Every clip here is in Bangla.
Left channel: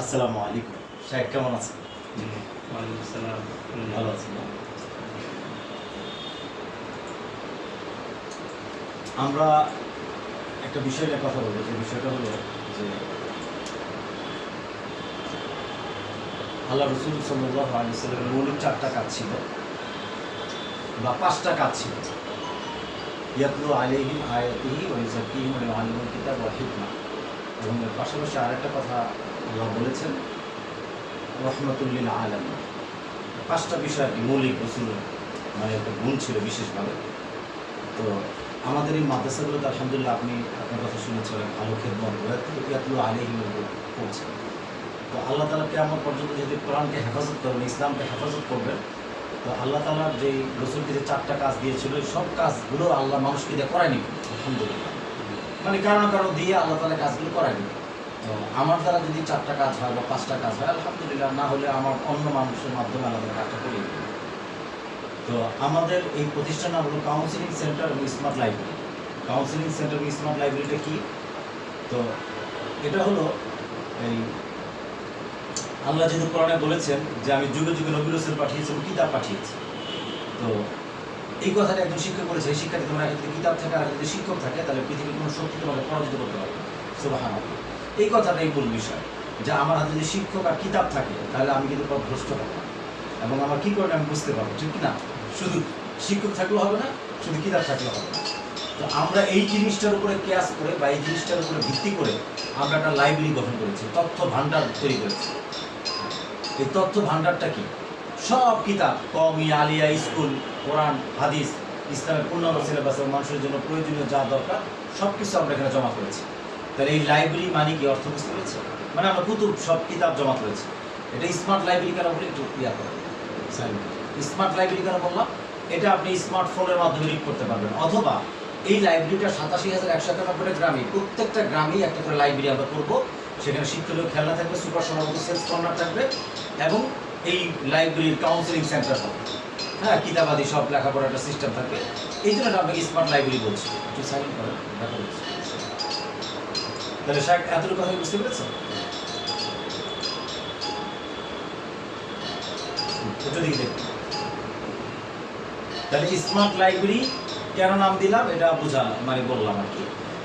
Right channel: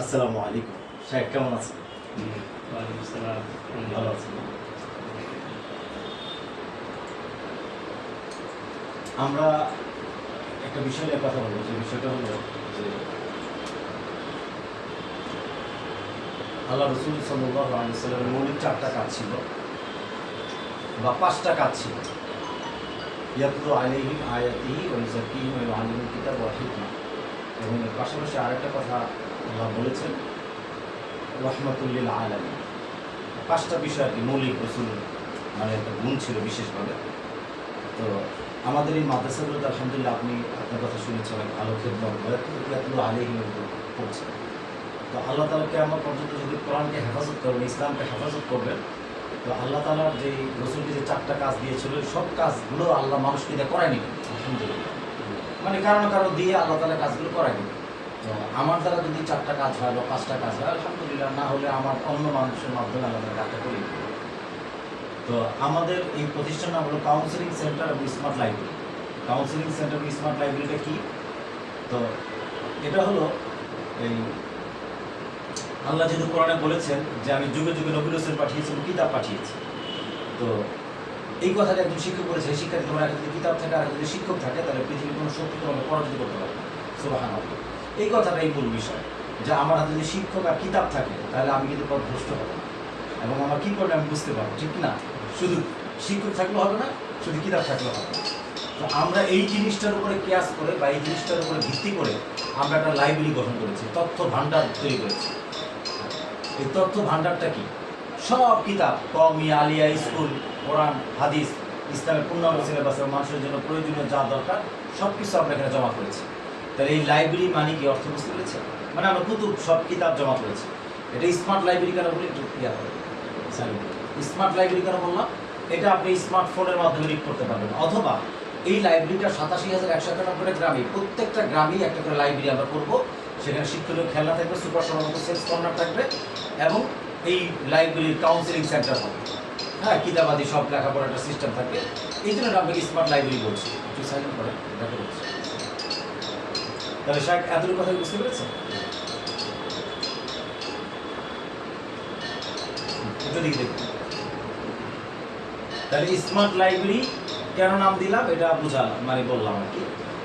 আসসালামু আলাইকুম। সাহেব কেমন আছেন? ওয়ালাইকুম আসসালাম। ভালো আছেন? আমরা একটা বিষয় নিয়ে কথা বলবো, যে বিষয়টা হলো যে আল্লাহ রসুল সাল্লাল্লাহু আলাইহি ওয়াসাল্লামের মৌলিক 4টা কাজ ছিল বা 5টা কাজ ছিল। ইয়াতলু আলাইহিম আয়াতিহি ওয়া ইউযাক্কিহিম ওয়া ইউআল্লিমুহুমুল কিতাব ওয়াল হিকমা। এবং এর পাশাপাশি আরেকটা কথা আল্লাহ বলেছেন, রাহমাতুল লিল আলামিন। 5টা বিষয় আর কি মৌলিক রসুলের মানে একটা গুণ ছিল বিশেষভাবে। তো আমাদের এই মাদ্রাসাগুলোতে আলহামদুলিল্লাহ আপনি আপনার কথা শুনেছেন, অনেক ভালো খেদমত ইয়াতলু আলাইহিমের উপর পড়ছে। তো আল্লাহ তাআলা কিয়ামত পর্যন্ত যদি কোরআনকে হেফাজত করবেন, ইসলামকে হেফাজত করবেন, তো আল্লাহ তাআলার যে রসুলকে যে 4টা কাজ দিয়েছিল সব কাজগুলো আল্লাহ মানুষকে দিয়ে করায়নি, আলহামদুলিল্লাহ। মানে কারো না কারো দিয়ে আল্লাহ তাআলা কাজগুলো করায়নি। তো আমার দ্বারা যদি 4টা কাজ হয় বা 5টা কাজ হয় আলহামদুলিল্লাহ, না হলে আমার অন্য মানুষের মাধ্যমে আল্লাহ তাআলা কাজটা করিয়ে দেবে। তো আমাদের এই প্রতিষ্ঠান নাম হলো কাউন্সিলিং সেন্টার এবং স্মার্ট লাইব্রেরি। কাউন্সিলিং সেন্টার এবং স্মার্ট লাইব্রেরিটা কি? তো এটা হলো এই আল্লাহ যেহেতু কোরআনে বলেছেন যে আমি যুগে যুগে নবী রাসূল পাঠিয়েছি এবং কিতাব পাঠিয়েছি। তো এই কথাটা একজন শিক্ষক বলেছে, এই শিক্ষার্থী তোমার আগে যদি কিতাব থাকে আর যদি শিক্ষক থাকে তাহলে পৃথিবীর কোনো শক্তি তোমাকে পরাজিত করতে পারবে না। সুবহানাল্লাহ। এই কথাটাই মূল বিষয়, যে আমার হাতে যদি শিক্ষক আর কিতাব থাকে তাহলে আমি কিন্তু ভ্রষ্ট হব না, এবং আমার কী করে আমি বুঝতে পারবো, ঠিক না? শুধু শিক্ষক থাকলেও হবে না, শুধু কিতাব থাকলেও হবে না। তো আমরা এই জিনিসটার উপরে কেয়াস করে বা এই জিনিসটার উপরে ভিত্তি করে আমরা একটা লাইব্রেরি গঠন করেছি, তথ্য ভাণ্ডার তৈরি করেছি। এই তথ্য ভাণ্ডারটা কি? সব কিতাব, কওমি, আলিয়া, স্কুল, কোরআন, হাদিস, ইসলামের পূর্ণাঙ্গ সিলেবাসের মানুষের জন্য প্রয়োজনীয় যা দরকার সব কিছু আমরা এখানে জমা করেছি। তাহলে এই লাইব্রেরি মানে কি অর্থ বুঝতে পেরেছে? মানে আমরা কুতুব সব কিতাব জমা করেছি। এটা স্মার্ট লাইব্রেরি কেন বলি একটু ক্লিয়ার করে। স্মার্ট লাইব্রেরি কেন বললাম? এটা আপনি স্মার্টফোনের মাধ্যমে রিড করতে পারবেন, অথবা এই লাইব্রেরিটা 87,191 গ্রামে, প্রত্যেকটা গ্রামেই একটা করে লাইব্রেরি আমরা করবো। সেখানে শিক্ষণীয় খেলনা থাকবে, সুপার সমাগত সেলস কর্নার থাকবে, এবং এই লাইব্রেরির কাউন্সিলিং সেন্টার হবে। হ্যাঁ, কিতাবাদি সব লেখাপড়ার একটা সিস্টেম থাকবে। এই জন্য আপনাকে স্মার্ট লাইব্রেরি বলছি। একটু সাইলেন্ট করেন, দেখা হচ্ছে। তাহলে শাক এতটুকু কথা বুঝতে পেরেছেন? এটা দিকে দেখুন। তাহলে স্মার্ট লাইব্রেরি কেন নাম দিলাম এটা বুঝা মানে বললাম আর কি।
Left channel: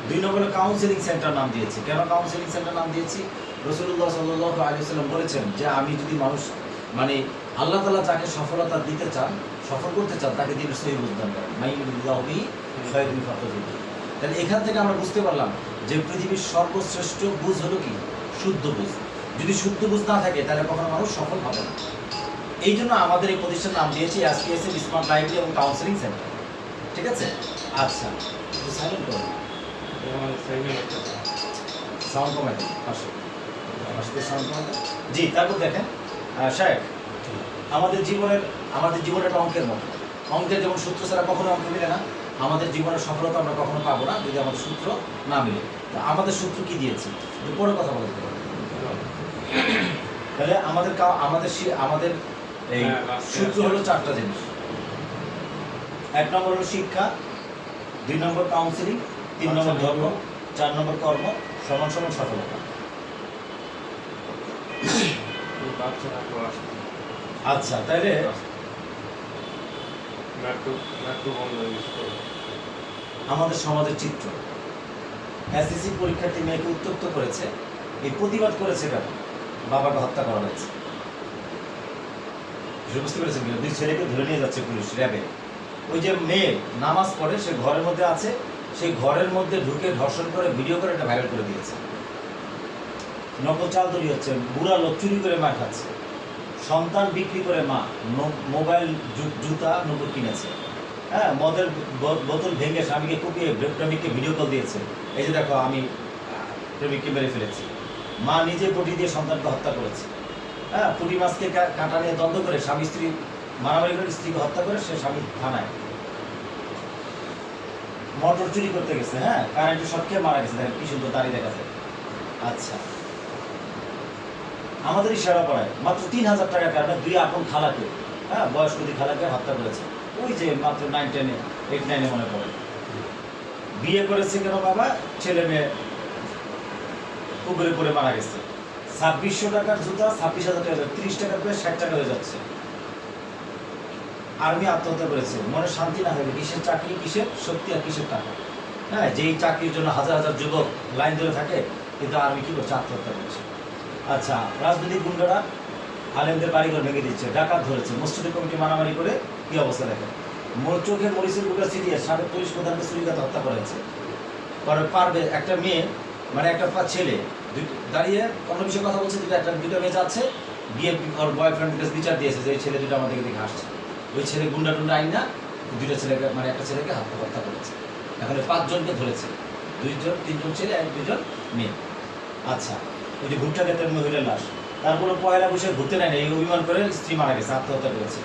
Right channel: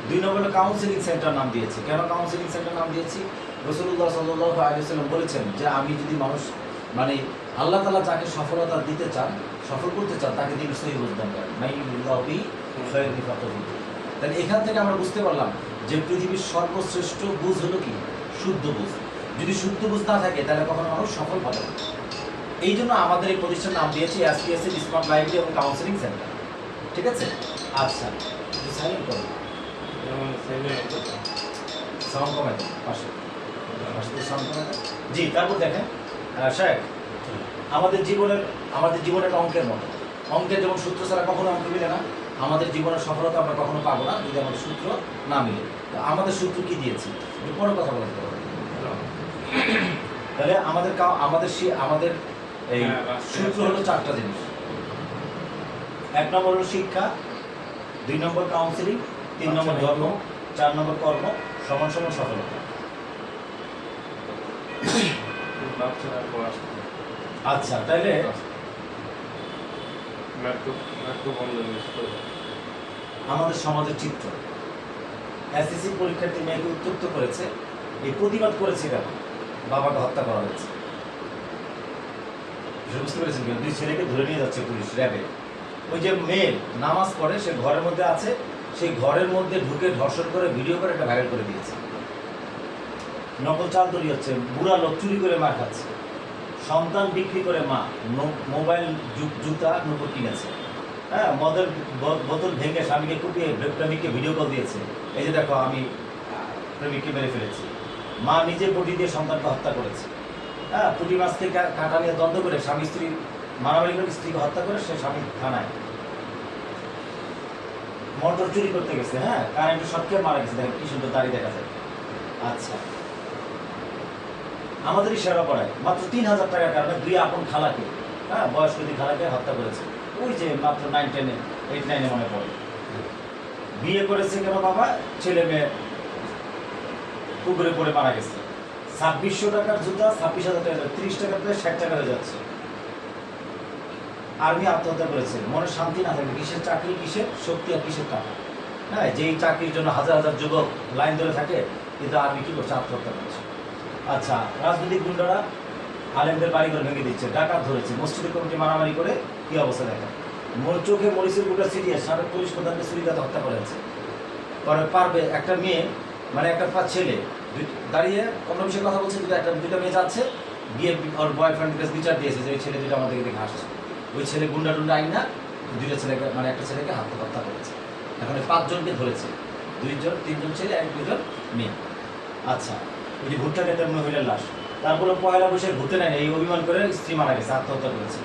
2 নম্বরে কাউন্সিলিং সেন্টার নাম দিয়েছি। কেন কাউন্সিলিং সেন্টার নাম দিয়েছি? রাসূলুল্লাহ সাল্লাল্লাহু আলাইহি ওয়াসাল্লাম বলেছেন যে আমি যদি মানুষ মানে আল্লাহ তাআলা যাকে সফলতা দিতে চান, সফল করতে চান, তাকে দিনের সহিহ বুঝ দান করেন। মাইয়ুরিদিল্লাহু বিহি খায়রান ইউফাক্কিহু ফিদ্দীন। তাহলে এখান থেকে আমরা বুঝতে পারলাম যে পৃথিবীর সর্বশ্রেষ্ঠ বুঝ হলো কি? শুদ্ধ বুঝ। যদি শুদ্ধ বুঝ না থাকে তাহলে কখনো মানুষ সফল হবে না। এই জন্য আমাদের এই প্রতিষ্ঠানের নাম দিয়েছি এসপিএসএল স্মার্ট লাইব্রেরি এবং কাউন্সিলিং সেন্টার। ঠিক আছে? আচ্ছা, একটু সাইলেন্ট করুন, সাউন্ড কমাই দেন, পাশে সাউন্ড কমাই দেন। জি, তারপর দেখেন সাহেব, আমাদের জীবনের একটা অঙ্কের মতো। অঙ্কের যেমন সূত্র ছাড়া কখনো অঙ্ক মিলে না, আমাদের জীবনের সফলতা আমরা কখনো পাবো না যদি আমাদের সূত্র না মিলে। তো আমাদের সূত্র কি দিয়েছি পরে কথা বলতে পারবো। তাহলে আমাদের এই সূত্র হলো 4টা জিনিস। 1 নম্বর হলো শিক্ষা, 2 নম্বর কাউন্সিলিং, 3 নম্বর ধর্ম, 4 নম্বর কর্ম সমান সমান সফলতা। আচ্ছা, তাইলে আমাদের সমাজের চিত্র, এসএসসি পরীক্ষার্থী মেয়েকে উত্তপ্ত করেছে, এই প্রতিবাদ করেছে কেন? বাবাকে হত্যা করা হয়েছে। বুঝতে পেরেছেন কিনা? 2 ছেলেকে ধরে নিয়ে যাচ্ছে পুলিশ, র্যাবে। ওই যে মেয়ে নামাজ পড়ে, সে ঘরের মধ্যে আছে, সেই ঘরের মধ্যে ঢুকে ধর্ষণ করে ভিডিও করে এটা ভাইরাল করে দিয়েছে। নকল চাল তৈরি হচ্ছে, বুড়া লোক চুরি করে মার খাচ্ছে, সন্তান বিক্রি করে মা মোবাইল, জুতা নতুন কিনেছে, হ্যাঁ, মদের বোতল ভেঙে স্বামীকে কুপিয়ে প্রেমিককে ভিডিও কল দিয়েছে, এই যে দেখো আমি প্রেমিককে মেরে ফেলেছি। মা নিজে বডি দিয়ে সন্তানকে হত্যা করেছে। হ্যাঁ, পুঁটি মাছকে কাঁটা নিয়ে দ্বন্দ্ব করে স্বামী স্ত্রী মারামারি করে স্ত্রীকে হত্যা করে সে স্বামী থানায়। মোটর চুরি করতে গেছে, হ্যাঁ, কারেন্টের শর্ট খেয়ে মারা গেছে, দেখেন কি সুন্দর দাড়ি দেখা যায়। আচ্ছা, আমাদের ইশারা পড়ায় মাত্র 3,000 টাকার কারণে 2 আপন খালাকে, হ্যাঁ, বয়স্ক 2 খালাকে হত্যা করেছে। ওই যে মাত্র 9, 10, 8, 9 মনে পড়ে। বিয়ে করেছে কেন বাবা? ছেলে মেয়ে পুকুরে পড়ে মারা গেছে। 2600 টাকার জুতা 26,000 টাকা, 30 টাকা প্রায় 60 টাকা হয়ে যাচ্ছে। আর্মি আত্মহত্যা করেছে, মনে শান্তি না থাকবে, কিসের চাকরি, কিসের শক্তি আর কিসের টাকা। হ্যাঁ, যেই চাকরির জন্য হাজার হাজার যুবক লাইন ধরে থাকে, কিন্তু আর্মি কি করছে, আত্মহত্যা করছে। আচ্ছা, রাজনৈতিক গুন্ডারা আলেমদের বাড়িঘর ভেঙে দিচ্ছে, ডাকাত ধরেছে, মসজিদের কমিটি মারামারি করে কি অবস্থা দেখেন। চোখে মরিচের গুঁড়া ছিটিয়ে সাবেক পুলিশ প্রধানকে ছুরিকাতে হত্যা করা হয়েছে। পরে পারবে একটা মেয়ে, মানে একটা ছেলে দাঁড়িয়ে অন্য বিষয়ে কথা বলছে, দুটো মেয়ে যাচ্ছে, গিয়ে ওর বয়ফ্রেন্ডের কাছে বিচার দিয়েছে যে এই ছেলে দুটো আমাদেরকে দেখে আসছে। ওই ছেলে গুন্ডা টুন্ডা আইন না, দুইটা ছেলেকে, মানে একটা ছেলেকে হত্যা করেছে। এখন 5 জনকে ধরেছে, 3জন ছেলে 2জন মেয়ে। আচ্ছা, ওই যে ভুট্টা খেতে মহিলার লাশ, তারপরে পয়লা বৈশাখ ঘুরতে নেয় না, এই অভিমান করে স্ত্রী মারা গেছে, আত্মহত্যা করেছে।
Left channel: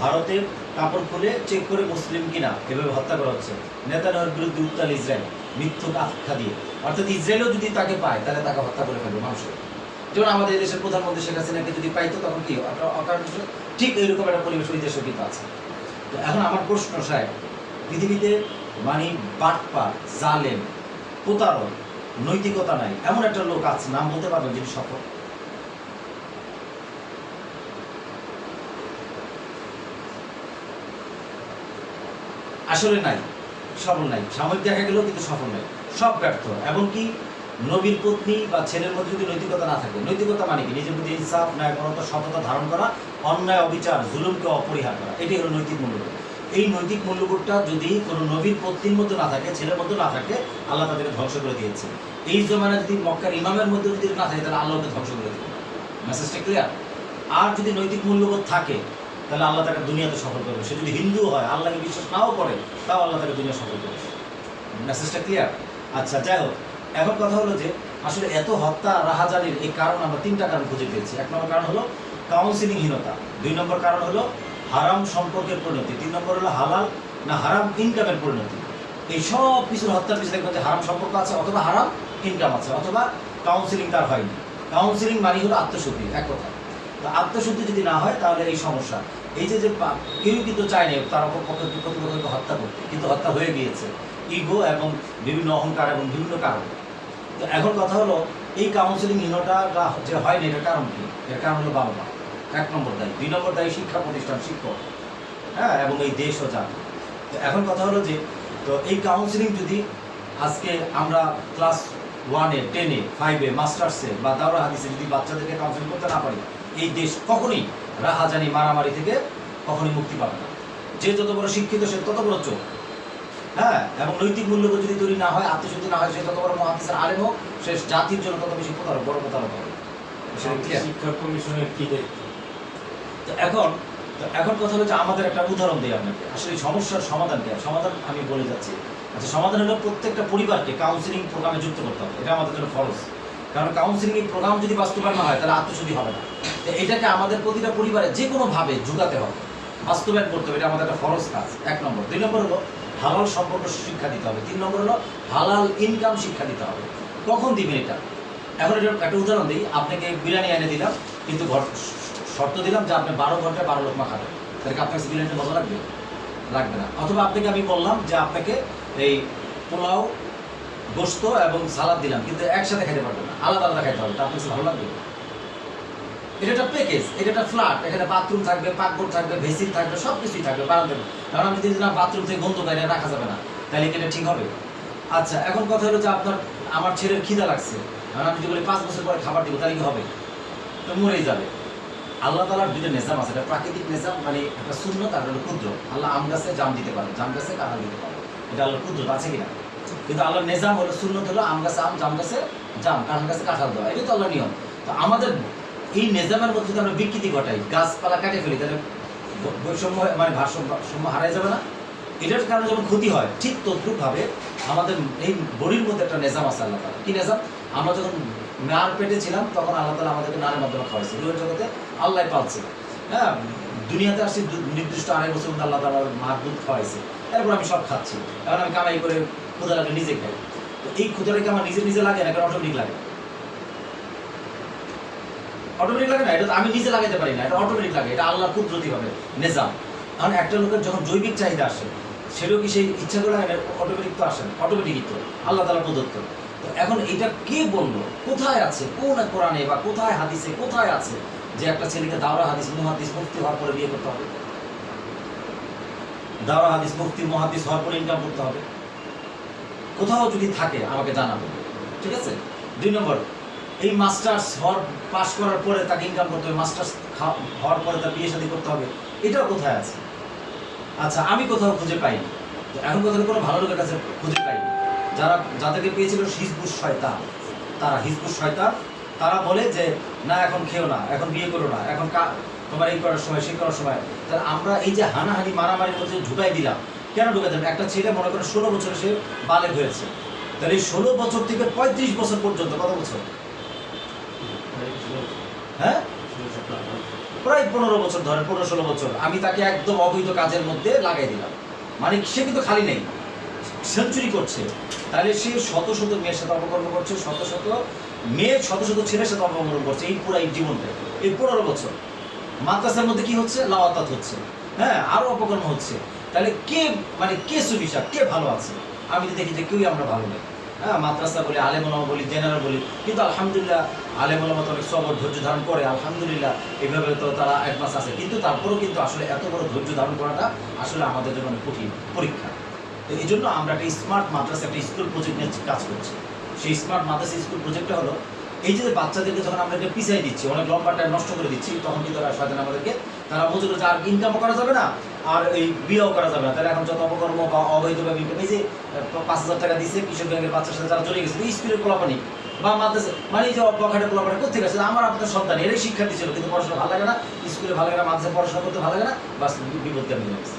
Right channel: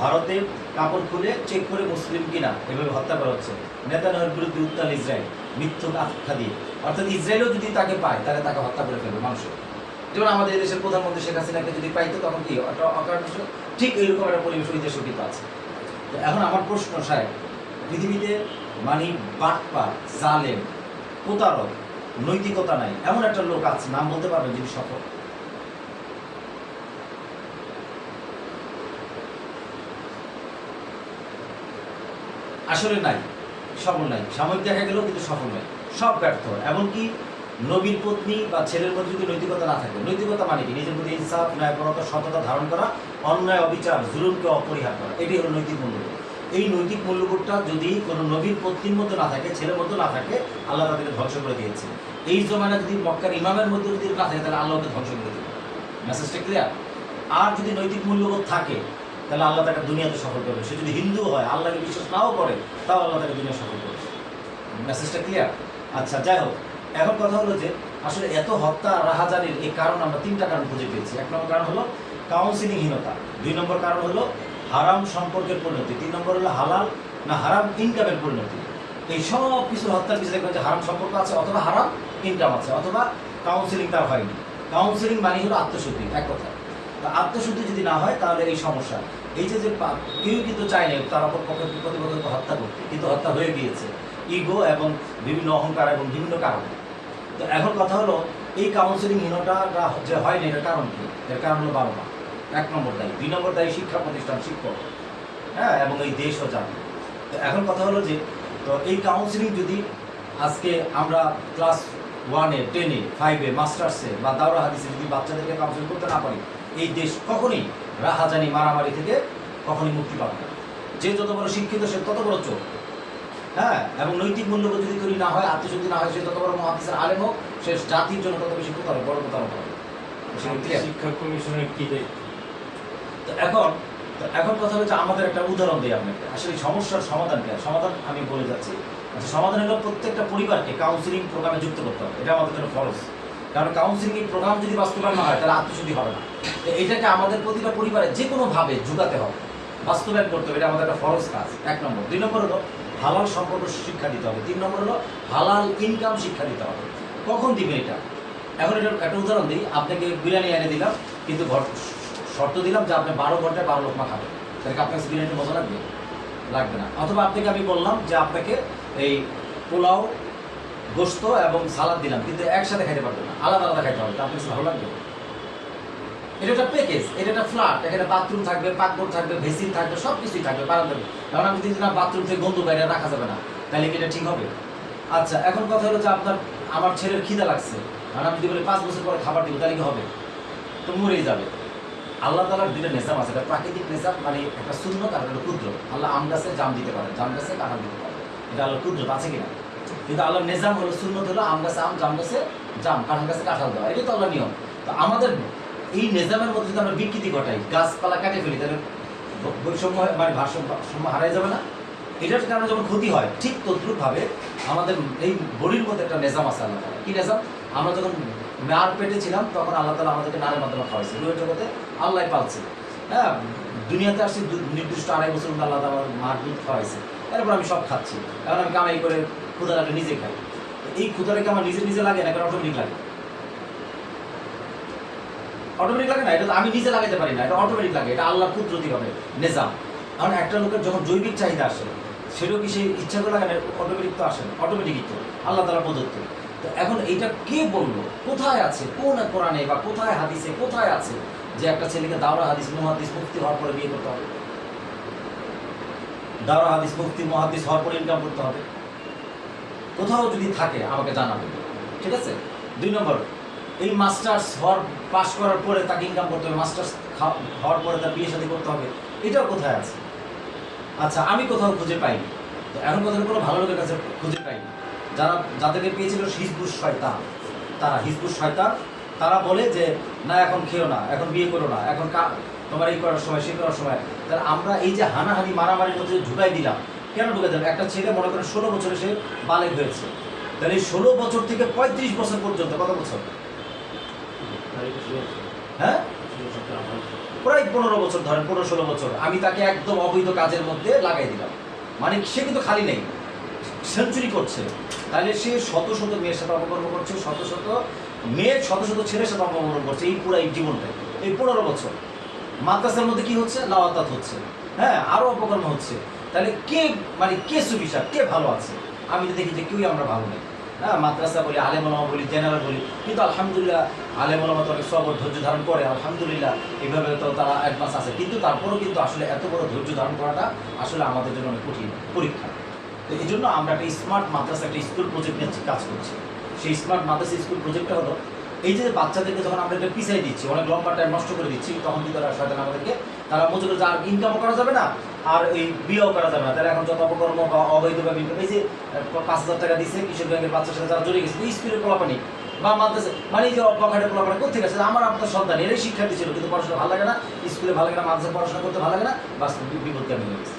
ভারতে কাপড় খুলে চেক করে মুসলিম কিনা এভাবে হত্যা করা হচ্ছে। নেতানিয়াহুর বিরুদ্ধে উত্তাল ইসরায়েল, মিথ্যুক আখ্যা দিয়ে, অর্থাৎ ইসরায়েলও যদি তাকে পায় তাহলে তাকে হত্যা করে ফেলবে মানুষ। যেমন আমাদের দেশের প্রধানমন্ত্রী শেখ হাসিনাকে যদি পাইতো তখন কি অকারণ, ঠিক এইরকম একটা পরিবেশ ওই দেশও কিন্তু আছে। তো এখন আমার প্রশ্ন, সাহেব, পৃথিবীতে মানে বাটপার, জালেম, প্রতারক, নৈতিকতা নাই এমন একটা লোক আছে, নাম বলতে পারবেন যিনি সফল? আসলে নাই, সফল নাই। সাময়িক দেখা গেলেও কিন্তু সফল নাই, সব ব্যর্থ। এমনকি নবীর পত্নী বা ছেলের মধ্যে যদি নৈতিকতা না থাকে, নৈতিকতা মানে কি, নিজের প্রতি ইনসাফ, ন্যায়পরতা, সততা ধারণ করা, অন্যায় অবিচার, জুলুমকে অপরিহার করা, এটাই হলো নৈতিক মূল্যবোধ। এই নৈতিক মূল্যবোধটা যদি কোনো নবীর পত্নীর মধ্যে না থাকে, ছেলের মধ্যে না থাকে, আল্লাহ তাদেরকে ধ্বংস করে দিয়েছে। এই জমানা যদি মক্কার ইমামের মধ্যে যদি না থাকে, তাহলে আল্লাহ ওকে ধ্বংস করে দেবে। মেসেজটা ক্লিয়ার? আর যদি নৈতিক মূল্যবোধ থাকে, তাহলে আল্লাহ তাকে দুনিয়াতে সফল করবে। সে যদি হিন্দু হয়, আল্লাহকে বিশ্বাস নাও করে, তাও আল্লাহ তাকে দুনিয়া সফল করবে। মেসেজটা ক্লিয়ার? আচ্ছা, যাই হোক, এখন কথা হলো যে আসলে এত হত্যা রাহাজানির এই কারণ আমরা 3টা কারণ খুঁজে পেয়েছি। 1 নম্বর কারণ হলো কাউন্সিলিংহীনতা, 2 নম্বর কারণ হলো হারাম সম্পর্কের পরিণতি, 3 নম্বর হলো হালাল না হারাম ইনকামের পরিণতি। এই সব কিছুর হত্যার পিছনে দেখবেন যে হারাম সম্পর্ক আছে, অথবা হারাম ইনকাম আছে, অথবা কাউন্সিলিং তার হয়নি। কাউন্সিলিং মানে হলো আত্মশুদ্ধি, এক কথা। তো আত্মশুদ্ধি যদি না হয় তাহলে এই সমস্যা। এই যে কেউ কিন্তু চায় না তার প্রতিপক্ষকে হত্যা করতে, কিন্তু হত্যা হয়ে গিয়েছে ইগো এবং বিভিন্ন অহংকার এবং বিভিন্ন কারণ। তো এখন কথা হলো এই কাউন্সিলিংহীনতা যে হয় না, এটার কারণ কি? এর কারণ হলো বাবা মা 1 নম্বর দায়ী, 2 নম্বর দায়ী শিক্ষা প্রতিষ্ঠান, শিক্ষক, হ্যাঁ, এবং এই দেশ ও জাতি। তো এখন কথা হলো যে তো এই কাউন্সিলিং যদি আজকে আমরা ক্লাস 1-এ, 10-এ, 5-এ, মাস্টার্সে বা দাওরা হাদিসে যদি বাচ্চাদেরকে কাউন্সিলিং করতে না পারি, এই দেশ কখনই রাহাজানি মারামারি থেকে কখনই মুক্তি পাবে না। যে যত বড় শিক্ষিত সে তত বড় চোখ, হ্যাঁ, এবং নৈতিক মূল্যবোধ যদি তৈরি না হয়, আত্মশুদ্ধি না হয়, সে যত বড় মুহাদ্দিসের আলেম হোক, সে জাতির জন্য তত বেশি প্রতারক, বড় প্রতারক হবে। শিক্ষা কমিশনের কি দায়িত্ব? তো এখন কথা হচ্ছে আমাদের একটা উদাহরণ দিই আপনাকে, আসলে সমস্যার সমাধান কি? সমাধান আমি বলে যাচ্ছি। আচ্ছা, সমাধান হলো প্রত্যেকটা পরিবারকে কাউন্সিলিং প্রোগ্রামে যুক্ত করতে হবে, এটা আমাদের জন্য ফরজ। কারণ কাউন্সিলিং প্রোগ্রাম যদি বাস্তবায়ন না হয় তাহলে আত্মশুদ্ধি হবে না। তো এটাকে আমাদের প্রতিটা পরিবারে যে কোনোভাবে যুগাতে হবে, বাস্তবায়ন করতে হবে, এটা আমাদের একটা ফরজ কাজ, 1 নম্বর। 2 নম্বর হলো হালাল সম্পর্ক শিক্ষা দিতে হবে। 3 নম্বর হলো হালাল ইনকাম শিক্ষা দিতে হবে। কখন দিবেন এটা? এখন এটা একটা উদাহরণ দিই, আপনাকে বিরিয়ানি এনে দিলাম, কিন্তু শর্ত দিলাম যে আপনি 12 ঘন্টায় 12 লোকমা খাবেন, তাহলে কি আপনার বিরিয়ানিটা মজা লাগবে? লাগবে না। অথবা আপনাকে আমি বললাম যে আপনাকে এই পোলাও, গোশত এবং সালাদ দিলাম, কিন্তু একসাথে খাইতে পারবেন না, আলাদা আলাদা খাইতে হবে, তা আপনার ভালো লাগবে? এটা একটা প্যাকেজ, এটা একটা ফ্ল্যাট, এখানে বাথরুম থাকবে, পাকঘর থাকবে, ভেসিন থাকবে, সব কিছুই থাকবে, বারান্দা। কারণ আমি যদি না বাথরুম থেকে গন্ধ বাইরে রাখা যাবে না, তাহলে কি এটা ঠিক হবে? আচ্ছা, এখন কথা হলো যে আমার ছেলের খিদা লাগছে, আর আমি যদি বলি 5 বছর পরে খাবার দিব, তাহলে কি হবে? তো মরেই যাবে। আল্লাহ তাআলার 2টা নিজাম আছে, একটা প্রাকৃতিক নিজাম, মানে একটা সুন্নত, আর একটা কুদরত। আল্লাহ আম গাছে জাম দিতে পারে, জাম গাছে কাঁঠাল দিতে পারে, এটা আল্লাহর কুদরত, আছে কিনা? কিন্তু আল্লাহর নিজাম হলো, সুন্নত হলো আম গাছে আম, জাম গাছে জাম, কাঁঠাল গাছে কাঁঠাল দেওয়া, এটা তো আল্লাহর নিয়ম। তো আমাদের এই নিজামের মধ্যে যদি আমরা বিকৃতি ঘটাই, গাছপালা কাটে ফেলি, তাহলে বৈষম্য, মানে ভারসাম্য হারাই যাবে না? এটার কারণে যখন ক্ষতি হয়, ঠিক তদ্রুপভাবে আমাদের এই বডির মধ্যে একটা নিজাম আছে আল্লাহ তাআলা। কি নিজাম? আমরা যখন মার পেটে ছিলাম তখন আল্লাহ তাআলা আমাদেরকে নারের মাধ্যমে খাওয়াইছে, রুহের জগতে আল্লাহ পালছে, হ্যাঁ, দুনিয়াতে আসছি নির্দিষ্ট 2.5 বছর মধ্যে আল্লাহ তাআলা মার দুধ খাওয়াইছে, এরপর আমি সব খাচ্ছি। এখন আমি কামাই করে ক্ষুধা লাগলে নিজে খাই। তো এই ক্ষুধাটাকে আমার নিজে লাগে না, কারণ অটোমেটিক লাগে। অটোমেটিক লাগে না, এটা তো আমি নিজে লাগাইতে পারি না, এটা অটোমেটিক লাগে, এটা আল্লাহর কুদরতি হবে নিজাম। কারণ একটা লোকের যখন জৈবিক চাহিদা আসে, সেটাও কি সেই ইচ্ছা করে লাগে না, অটোমেটিক তো আসে না, অটোমেটিকই তো আল্লাহ তাআলা প্রদত্ত। তো এখন এইটা কে বললো, কোথায় আছে, কোন কোরআনে বা কোথায় হাদিসে কোথায় আছে যে একটা ছেলেকে দাওরা হাদিস মুহাদ্দিস মুফতি হওয়ার পরে বিয়ে করতে হবে, দাওরা হাদিস মুফতি মুহাদ্দিস হওয়ার পরে ইনকাম করতে হবে? কোথাও যদি থাকে আমাকে জানাবে, ঠিক আছে? 2 নম্বর, এই মাস্টার্স পাস করার পরে তাকে ইনকাম করতে হবে, মাস্টার্স হওয়ার পরে তার বিয়ে শাদী করতে হবে, এটাও কোথায় আছে? আচ্ছা, আমি কোথাও খুঁজে পাইনি। তো এখন কোথাও কোনো ভালো লোকের কাছে খুঁজে পাইনি। যাদেরকে পেয়েছিল হিজবুস শয়তান, তারা হিজবুস শয়তান, তারা বলে যে না এখন খেও না, এখন বিয়ে করো না, এখন তোমার এই করার সময় সে করার সময়। তাহলে আমরা এই যে হানাহানি মারামারির মধ্যে ঢুকাই দিলাম, কেন ঢুকাই দিলাম? একটা ছেলে মনে করেন 16 বছরে সে বালেগ হয়েছে, তাহলে এই 16 বছর থেকে 35 বছর পর্যন্ত, কত বছর? হ্যাঁ, প্রায় 15 বছর ধরেন, 15-16 বছর আমি তাকে একদম অবৈধ কাজের মধ্যে লাগাই দিলাম। মানে সে কিন্তু খালি নেই, সেঞ্চুরি করছে। তাহলে সে শত শত মেয়ের সাথে অপকর্ম করছে, শত শত মেয়ে, শত শত ছেলের সাথে অপকর্ম করছে এই পুরো এই জীবনটাই। এই 15 বছর মাদ্রাসার মধ্যে কি হচ্ছে? লাওয়াতাত হচ্ছে, হ্যাঁ, আরো অপকর্ম হচ্ছে। তাহলে কে মানে কে সুবিশা, কে ভালো আছে? আমি তো দেখি যে কেউই আমরা ভালো নেই। হ্যাঁ, মাদ্রাসা বলি, আলেম ওলামা বলি, জেনারেল বলি, কিন্তু আলহামদুলিল্লাহ আলেম ওলামা তো অনেক সবর ধৈর্য ধারণ করে, আলহামদুলিল্লাহ এইভাবে তো তারা অ্যাডভান্স আছে। কিন্তু তারপরেও কিন্তু আসলে এত বড় ধৈর্য ধারণ করাটা আসলে আমাদের জন্য অনেক কঠিন পরীক্ষা। তো এই জন্য আমরা একটা স্মার্ট মাদ্রাসা, একটা স্কুল প্রজেক্ট নিয়ে কাজ করছি। সেই স্মার্ট মাদ্রাসা স্কুল প্রজেক্টটা হলো এই যে বাচ্চাদেরকে যখন আমরা পিছিয়ে দিচ্ছি, অনেক লম্বা টাইম নষ্ট করে দিচ্ছি, তখন কিন্তু তারা শয়তান আমাদেরকে, তারা মজুর করছে, আর ইনকামও করা যাবে না, আর এই বিয়েও করা যাবে না। তাহলে এখন যত অপকর্ম বা অবৈধভাবে ইনকাম, এই যে 5,000 টাকা দিচ্ছে কিশোর ব্যাংকের বাচ্চার সাথে যারা জড়িয়ে গেছে, স্কুলের পোলাপানি বা মাদ্রাসা, মানে এই যে অবকাঠের পোলাপানি কোথেকে আসছে? আমার আপনার সন্তান, এরাই শিক্ষার্থী ছিল, কিন্তু পড়াশোনা ভালো লাগে না, স্কুলে ভালো লাগে না, মাদ্রাসায় পড়াশোনা করতে ভালো লাগে না, বাস বিপদগামী হয়ে গেছে।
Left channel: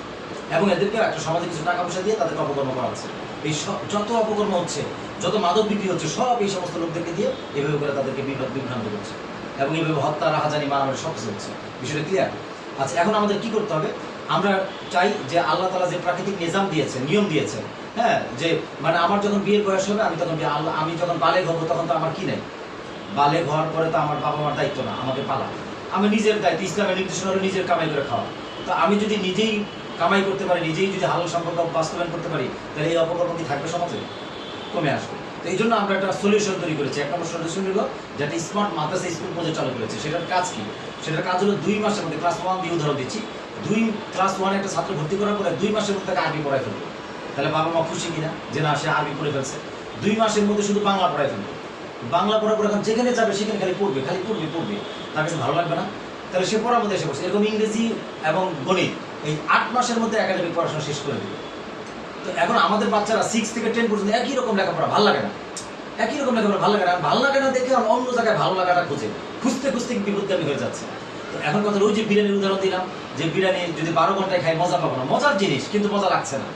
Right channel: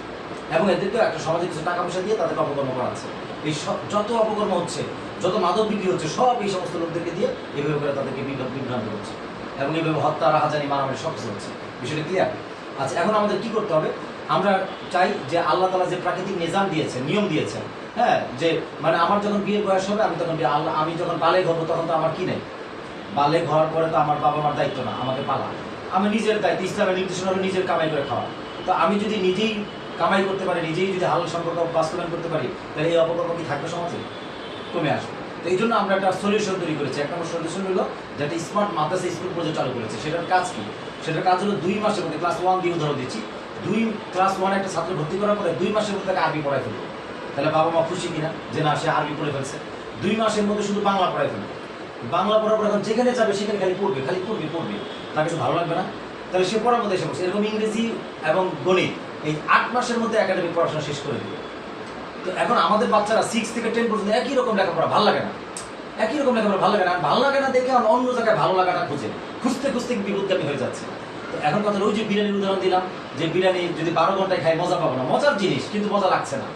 এবং এদেরকে একটা সমাজে কিছু টাকা পয়সা দিয়ে তাদেরকে অপকর্ম করাচ্ছে। এই যত অপকর্ম হচ্ছে, যত মাদক বিক্রি হচ্ছে, সব এই সমস্ত লোকদেরকে দিয়ে এভাবে করে তাদেরকে বিভ্রান্ত করছে, এবং এইভাবে হত্যা, রাহাজানি, মারামারি সব কিছু হচ্ছে। বিষয়টা ক্লিয়ার? আচ্ছা, এখন আমাদের কি করতে হবে? আমরা চাই যে আল্লাহ তাআলা যে প্রাকৃতিক নিজাম দিয়েছেন, নিয়ম দিয়েছেন, হ্যাঁ, যে মানে আমার যখন বিয়ের বয়স হবে, আমি যখন বালেগ হবো, তখন তো আমার কি নেই, বালেগ হওয়ার পরে তো আমার বাবা মার দায়িত্ব না, আমাকে পালা, আমি নিজের দায়িত্ব। ইসলামের নির্দেশনা হলো নিজের কামাই করে খাওয়া। তো আমি যদি নিজেই কামাই করতে পারি, নিজেই যদি হালাল সম্পর্ক বাস্তবায়ন করতে পারি, তাহলে এই অপকর্ম কি থাকবে সমাজে? কমে আসবে। তো এই জন্য আমরা একটা সলিউশন তৈরি করেছি। 1 নম্বর সলিউশন হলো যেটা স্মার্ট মাদ্রাসা স্কুল প্রজেক্ট চালু করেছে। সেটার কাজ কি? সেটার কাজ হলো 2 মাসের মধ্যে, ক্লাস 1 দিয়ে উদাহরণ দিচ্ছি, ক্লাস 1 একটা ছাত্র ভর্তি করার পরে 2 মাসের মধ্যে তাকে আরবি পড়াই ফেলবে। তাহলে বাবা মা খুশি কিনা যে না, সে আরবি পড়ে ফেলছে। 2 মাসের মধ্যে শুধু বাংলা পড়াই ফেলবে। বাংলা পড়ার পর এখন যেখানে যাবে সেখানে খালি পড়বে, তার কাছে ভালো লাগবে না? তাহলে সে পড়ার মধ্যে এসে বসে। এরকম ইংরেজি এবং গণিত এই 8 মাসের মধ্যে একাডেমিক পড়াশোনা শেষ করে দিবে। তো এখন আমাদের বাচ্চারা 6 থেকে 10 পর্যন্ত একই রকম লেখাপড়া, ভালো লাগে না, একই রকম লেখাপড়া ভালো লাগে না, ভালো লাগে না দেখে অন্য জায়গায় ভালো লাগাটা খুঁজতে বিপদগামী হয়ে যাচ্ছে। তো এখন কথা, ওই যে বিরিয়ানির উদাহরণ দিলাম, যে বিরিয়ানি যদি 12 ঘন্টায় খাই মজা পাবো না, মজার জিনিস কিন্তু মজা লাগছে না।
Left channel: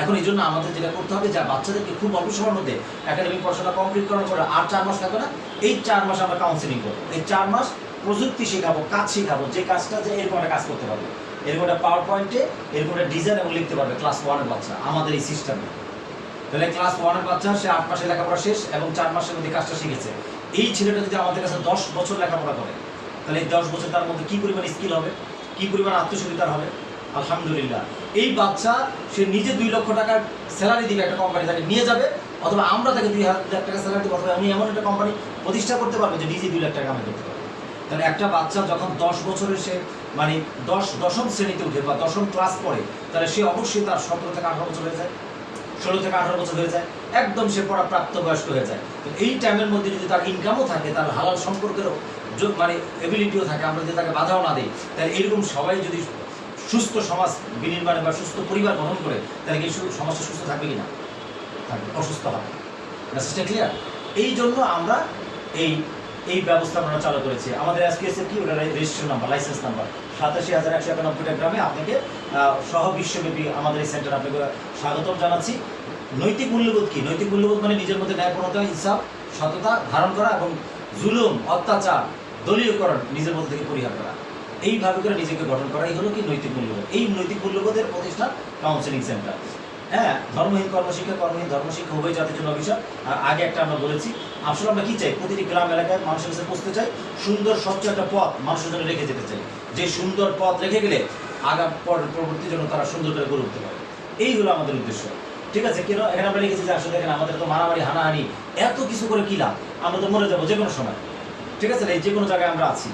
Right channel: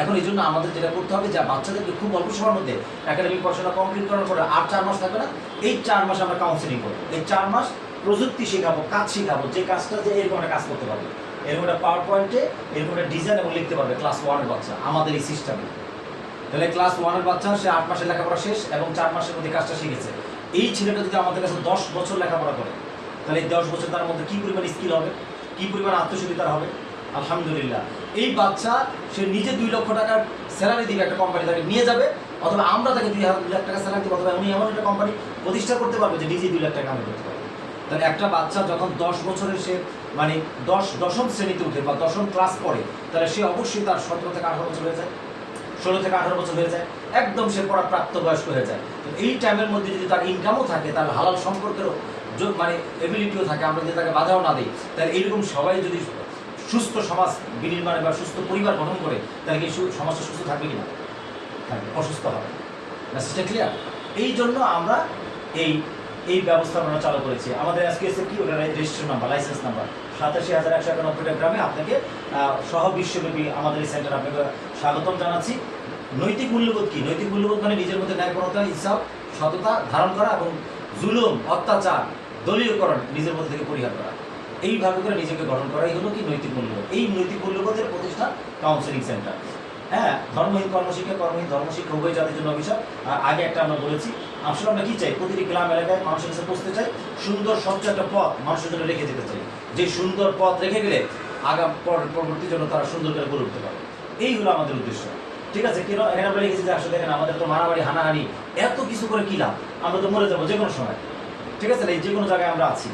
এখন এই জন্য আমাদের যেটা করতে হবে, যে বাচ্চাদেরকে খুব অল্প সময়ের মধ্যে একাডেমিক পড়াশোনা কমপ্লিট করার পরে আর 4 মাস থাকবে না, এই 4 মাস আমরা কাউন্সিলিং করবো। এই 4 মাস প্রযুক্তি শেখাবো, কাজ শেখাবো, যে কাজটা যে এরকম একটা কাজ করতে পারবে, এরকম একটা পাওয়ার পয়েন্টে এরকম একটা ডিজাইন এবং লিখতে পারবে ক্লাস 1 এর বাচ্চা আমাদের এই সিস্টেমে। তাহলে ক্লাস 1 এর বাচ্চা, সে 8 মাসের লেখাপড়া শেষ এবং 4 মাসের মধ্যে কাজটা শিখেছে। এই ছেলেটা যদি আমাদের কাছে 10 বছর লেখাপড়া করে, তাহলে এই 10 বছর তার মধ্যে কি পরিমাণ স্কিল হবে, কি পরিমাণ আত্মসুবিধার হবে। আলহামদুলিল্লাহ, এই বাচ্চা সে নিজে 2 লক্ষ টাকার স্যালারি দিবে, একটা কোম্পানি তাকে নিয়ে যাবে, অথবা আমরা তাকে 2 লাখ টাকা স্যালারি দিব, অথবা উনি এমন একটা কোম্পানি প্রতিষ্ঠা করতে পারবে যে নিজে 2 লাখ টাকা কামাই করতে পারবে। তাহলে একটা বাচ্চা যখন 10 বছরের সে মানে 10ম শ্রেণীতে উঠে বা 10ম ক্লাস পড়ে, তাহলে সে অবশ্যই তার 17 থেকে 18 বছর হয়ে যায়, 16 থেকে 18 বছর হয়ে যায়, একদম সে পড়া প্রাপ্তবয়স্ক হয়ে যায়। তো এই টাইমের মধ্যে যদি তার ইনকামও থাকে, তার হালাল সম্পর্কেরও মানে এবিলিটিও থাকে, আমরা যদি তাকে বাধাও না দিই, তাহলে এইরকম সবাই যদি সুস্থ সমাজ বিনির্মাণে বা সুস্থ পরিবার গঠন করে, তাহলে কি সমাজটা সুস্থ থাকবে কিনা? থাকবে, অসুস্থ হবে। মেসেজটা ক্লিয়ার? এই জন্য আমরা এই ব্যবস্থা আমরা চালু করেছি। আমাদের এসকেএসের কি ওটা রেজিস্ট্রেশন নাম্বার, লাইসেন্স নাম্বার 87,191টা গ্রামে আপনাকে সহ বিশ্বব্যাপী আমাদের এই সেন্টার আপনাকে স্বাগতম জানাচ্ছি। নৈতিক মূল্যবোধ কি? নৈতিক মূল্যবোধ মানে নিজের মধ্যে ন্যায়পরতা, ইনসাফ, সততা ধারণ করা এবং জুলুম, অত্যাচার, দলীয়করণ নিজের মধ্যে থেকে পরিহার করা। এইভাবে করে নিজেকে গঠন করাই হলো কি নৈতিক মূল্যবোধ। এই নৈতিক মূল্যবোধের প্রতিষ্ঠান কাউন্সিলিং সেন্টার। হ্যাঁ, ধর্মহীন কর্মশিক্ষা, কর্মহীন ধর্মশিক্ষা উভয় জাতির জন্য অভিশাপ। আর আগে একটা আমরা বলেছি, আসলে আমরা কি চাই? প্রতিটি গ্রাম এলাকায় মানুষের কাছে পৌঁছতে চাই, সুন্দর স্বচ্ছ একটা পথ মানুষের জন্য রেখে যেতে চাই, যে সুন্দর পথ রেখে গেলে পরবর্তী জন্য তারা সুন্দর করে গড়ে উঠতে পারে। এই হলো আমাদের উদ্দেশ্য। ঠিক আছে, কেন এখানে আমরা লিখেছি যে আসলে দেখেন আমাদের তো মারামারি হানাহানি এত কিছু করে কি লাভ, আমরা তো মরে যাবো যে কোনো সময়, ঠিক আছে না, এই যে কোনো জায়গায় আমরা আছি।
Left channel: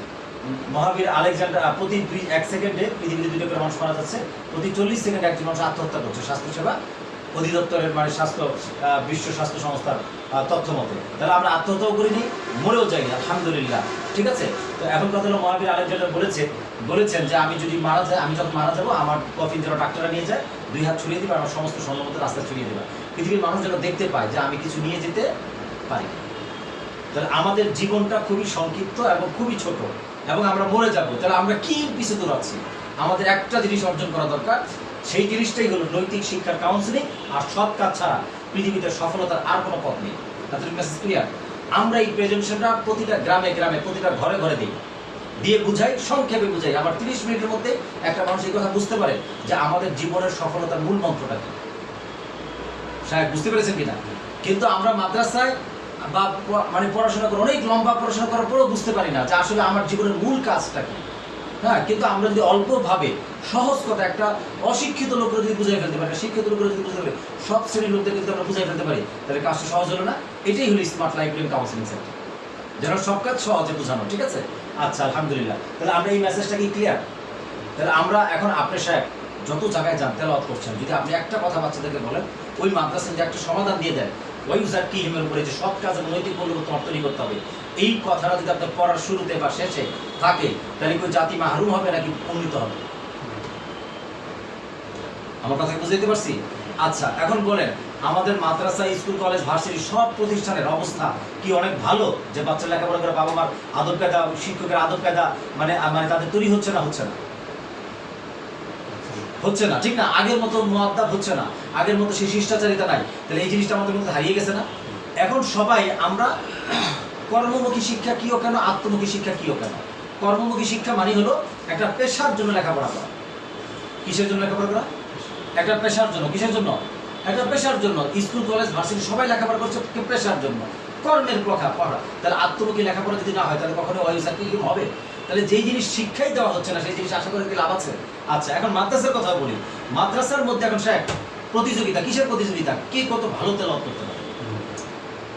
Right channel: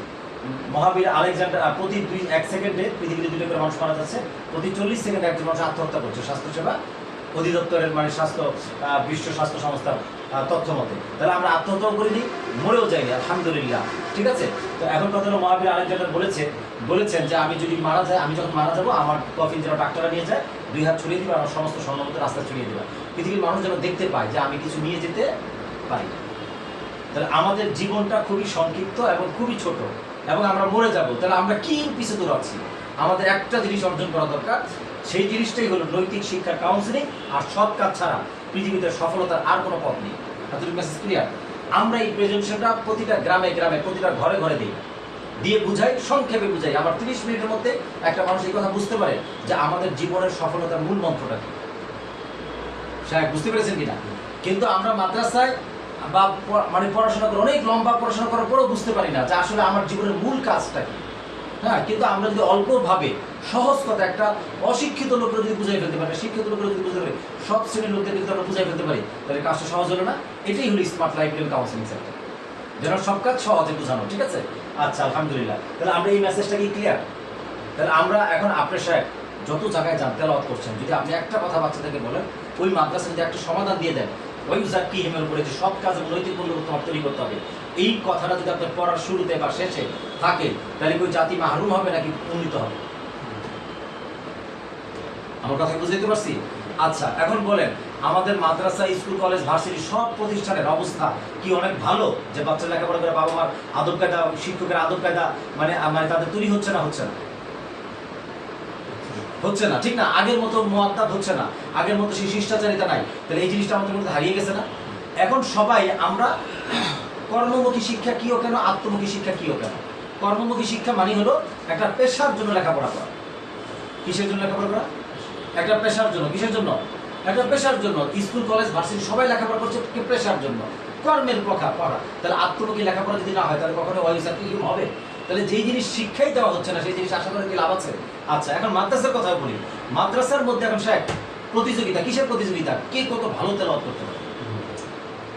মহাবীর আলেকজান্ডার প্রতি 1 সেকেন্ডে পৃথিবীতে 2টা করে মানুষ মারা যাচ্ছে, প্রতি 40 সেকেন্ডে একজন মানুষ আত্মহত্যা করছে স্বাস্থ্যসেবা অধিদপ্তরের মানে বিশ্ব স্বাস্থ্য সংস্থার তথ্য মতে। তাহলে আমরা আত্মহত্যাও করিনি, মরেও যাইনি, আলহামদুলিল্লাহ। ঠিক আছে, তো এখন কথা হলো মহাবীর আলেকজান্ডার বলেছেন যে আমি যদি মারা যাই, আমি যখন মারা যাবো আমার কফিন যেন ডাক্তাররা নিয়ে যায়, 2 হাত ছড়িয়ে দিবে, আমার সমস্ত সম্ভবত রাস্তা ছড়িয়ে দেবে, পৃথিবীর মানুষ যেন দেখতে পায় যে আমি কিছু নিয়ে যেতে পারি। তাহলে আমাদের জীবনটা খুবই সংক্ষিপ্ত এবং খুবই ছোট, এবং আমরা মরে যাব। তাহলে আমরা কি পিছু দৌড়াচ্ছি? আমাদের একটা জিনিস অর্জন করা দরকার, সেই জিনিসটাই হলো নৈতিক শিক্ষার কাউন্সিলিং। আর সৎ কাজ ছাড়া পৃথিবীতে সফলতার আর কোনো পথ নেই। এতটুকু মেসেজ ক্লিয়ার? আমরা এই প্রেজেন্টেশনটা প্রতিটা গ্রামে গ্রামে প্রতিটা ঘরে ঘরে দিয়ে বুঝাই, সংক্ষেপে বুঝাই। আবার 30 মিনিটের মধ্যে একটা মানুষ এই কথা বুঝতে পারে যে আমাদের জীবনের সফলতার মূল মন্ত্রটা কি। সাহেব বুঝতে পেরেছেন কিনা? কিন্তু আমরা মাদ্রাসায় বা মানে পড়াশোনা করে অনেক লম্বা পড়াশোনা করার পরেও বুঝতে পারি না যে আসলে আমার জীবনের মূল কাজটা কি। হ্যাঁ, কিন্তু আমরা যদি অল্পভাবে সহজ কথা একটা অশিক্ষিত লোকরা যদি বুঝাই ফেলতে পারি, শিক্ষিত লোকরা যদি বুঝতে পারি, সব শ্রেণীর লোকদের কিন্তু আমরা বুঝাই ফেলতে পারি, তাহলে কাজটা সহজ হলো না? এটাই হলো smart life plan counselling centre, যেন সব কাজ সহজে বোঝানো। ঠিক আছে, আচ্ছা আলহামদুলিল্লাহ। তাহলে আমরা এই মেসেজটা কি ক্লিয়ার? তাহলে আমরা এখন আপনার সাহেব যত জায়গায় যান তেলাওয়াত করছেন, যদি আপনি একটা কথা বাচ্চাদেরকে বলেন, ওই মাদ্রাসায় যে একটা সমাধান দিয়ে দেন ওই জাকিহিমের উপরে যে সৎ কাজ এবং নৈতিক মূল্য তোমার তৈরি করতে হবে, এই কথাটা যদি আপনার পড়ার শুরুতে বা শেষে থাকে, তাহলে কোন জাতি মাহরুম হবে নাকি উন্নীত হবে? আমার কথা বুঝতে পারছি? আচ্ছা, এখন বলেন আমাদের মাদ্রাসা, স্কুল, কলেজ, ভার্সিটি সব প্রতিষ্ঠানের অবস্থা কি অনেক ভালো যে বাচ্চা লেখাপড়া করে বাবা মার আদব কায়দা, শিক্ষকের আদব কায়দা মানে তাদের তৈরি হচ্ছে না? হচ্ছে না? হচ্ছে না, ঠিক না? আগের মতো মুআদ্দাব হচ্ছে না, আগের মতো সেই শিষ্টাচারিতা নাই। তাহলে এই জিনিসটা আমাদের মধ্যে হারিয়ে গেছে না? এখন সবাই আমরা কর্মমুখী শিক্ষা কিও কেন, আত্মমুখী শিক্ষা কিও কেন? কর্মমুখী শিক্ষা মানে হলো একটা পেশার জন্য লেখাপড়া করা। কিসের জন্য লেখাপড়া করা? একটা পেশার জন্য। কিসের জন্য? একটা পেশার জন্য। স্কুল, কলেজ, ভার্সিটি সবাই লেখাপড়া করছে পেশার জন্য, কর্মের পড়া। তাহলে আত্মমুখী লেখাপড়া যদি না হয় তাহলে কখনো ওয়াইজাকিহিম হবে? তাহলে যেই জিনিস শিক্ষাই দেওয়া হচ্ছে না সেই জিনিস আশা করে কি লাভ আছে? আচ্ছা, এখন মাদ্রাসার কথা বলি। মাদ্রাসার মধ্যে এখন সাহেব প্রতিযোগিতা, কিসের প্রতিযোগিতা? কে কত ভালো তেলাওয়াত করতে পারে।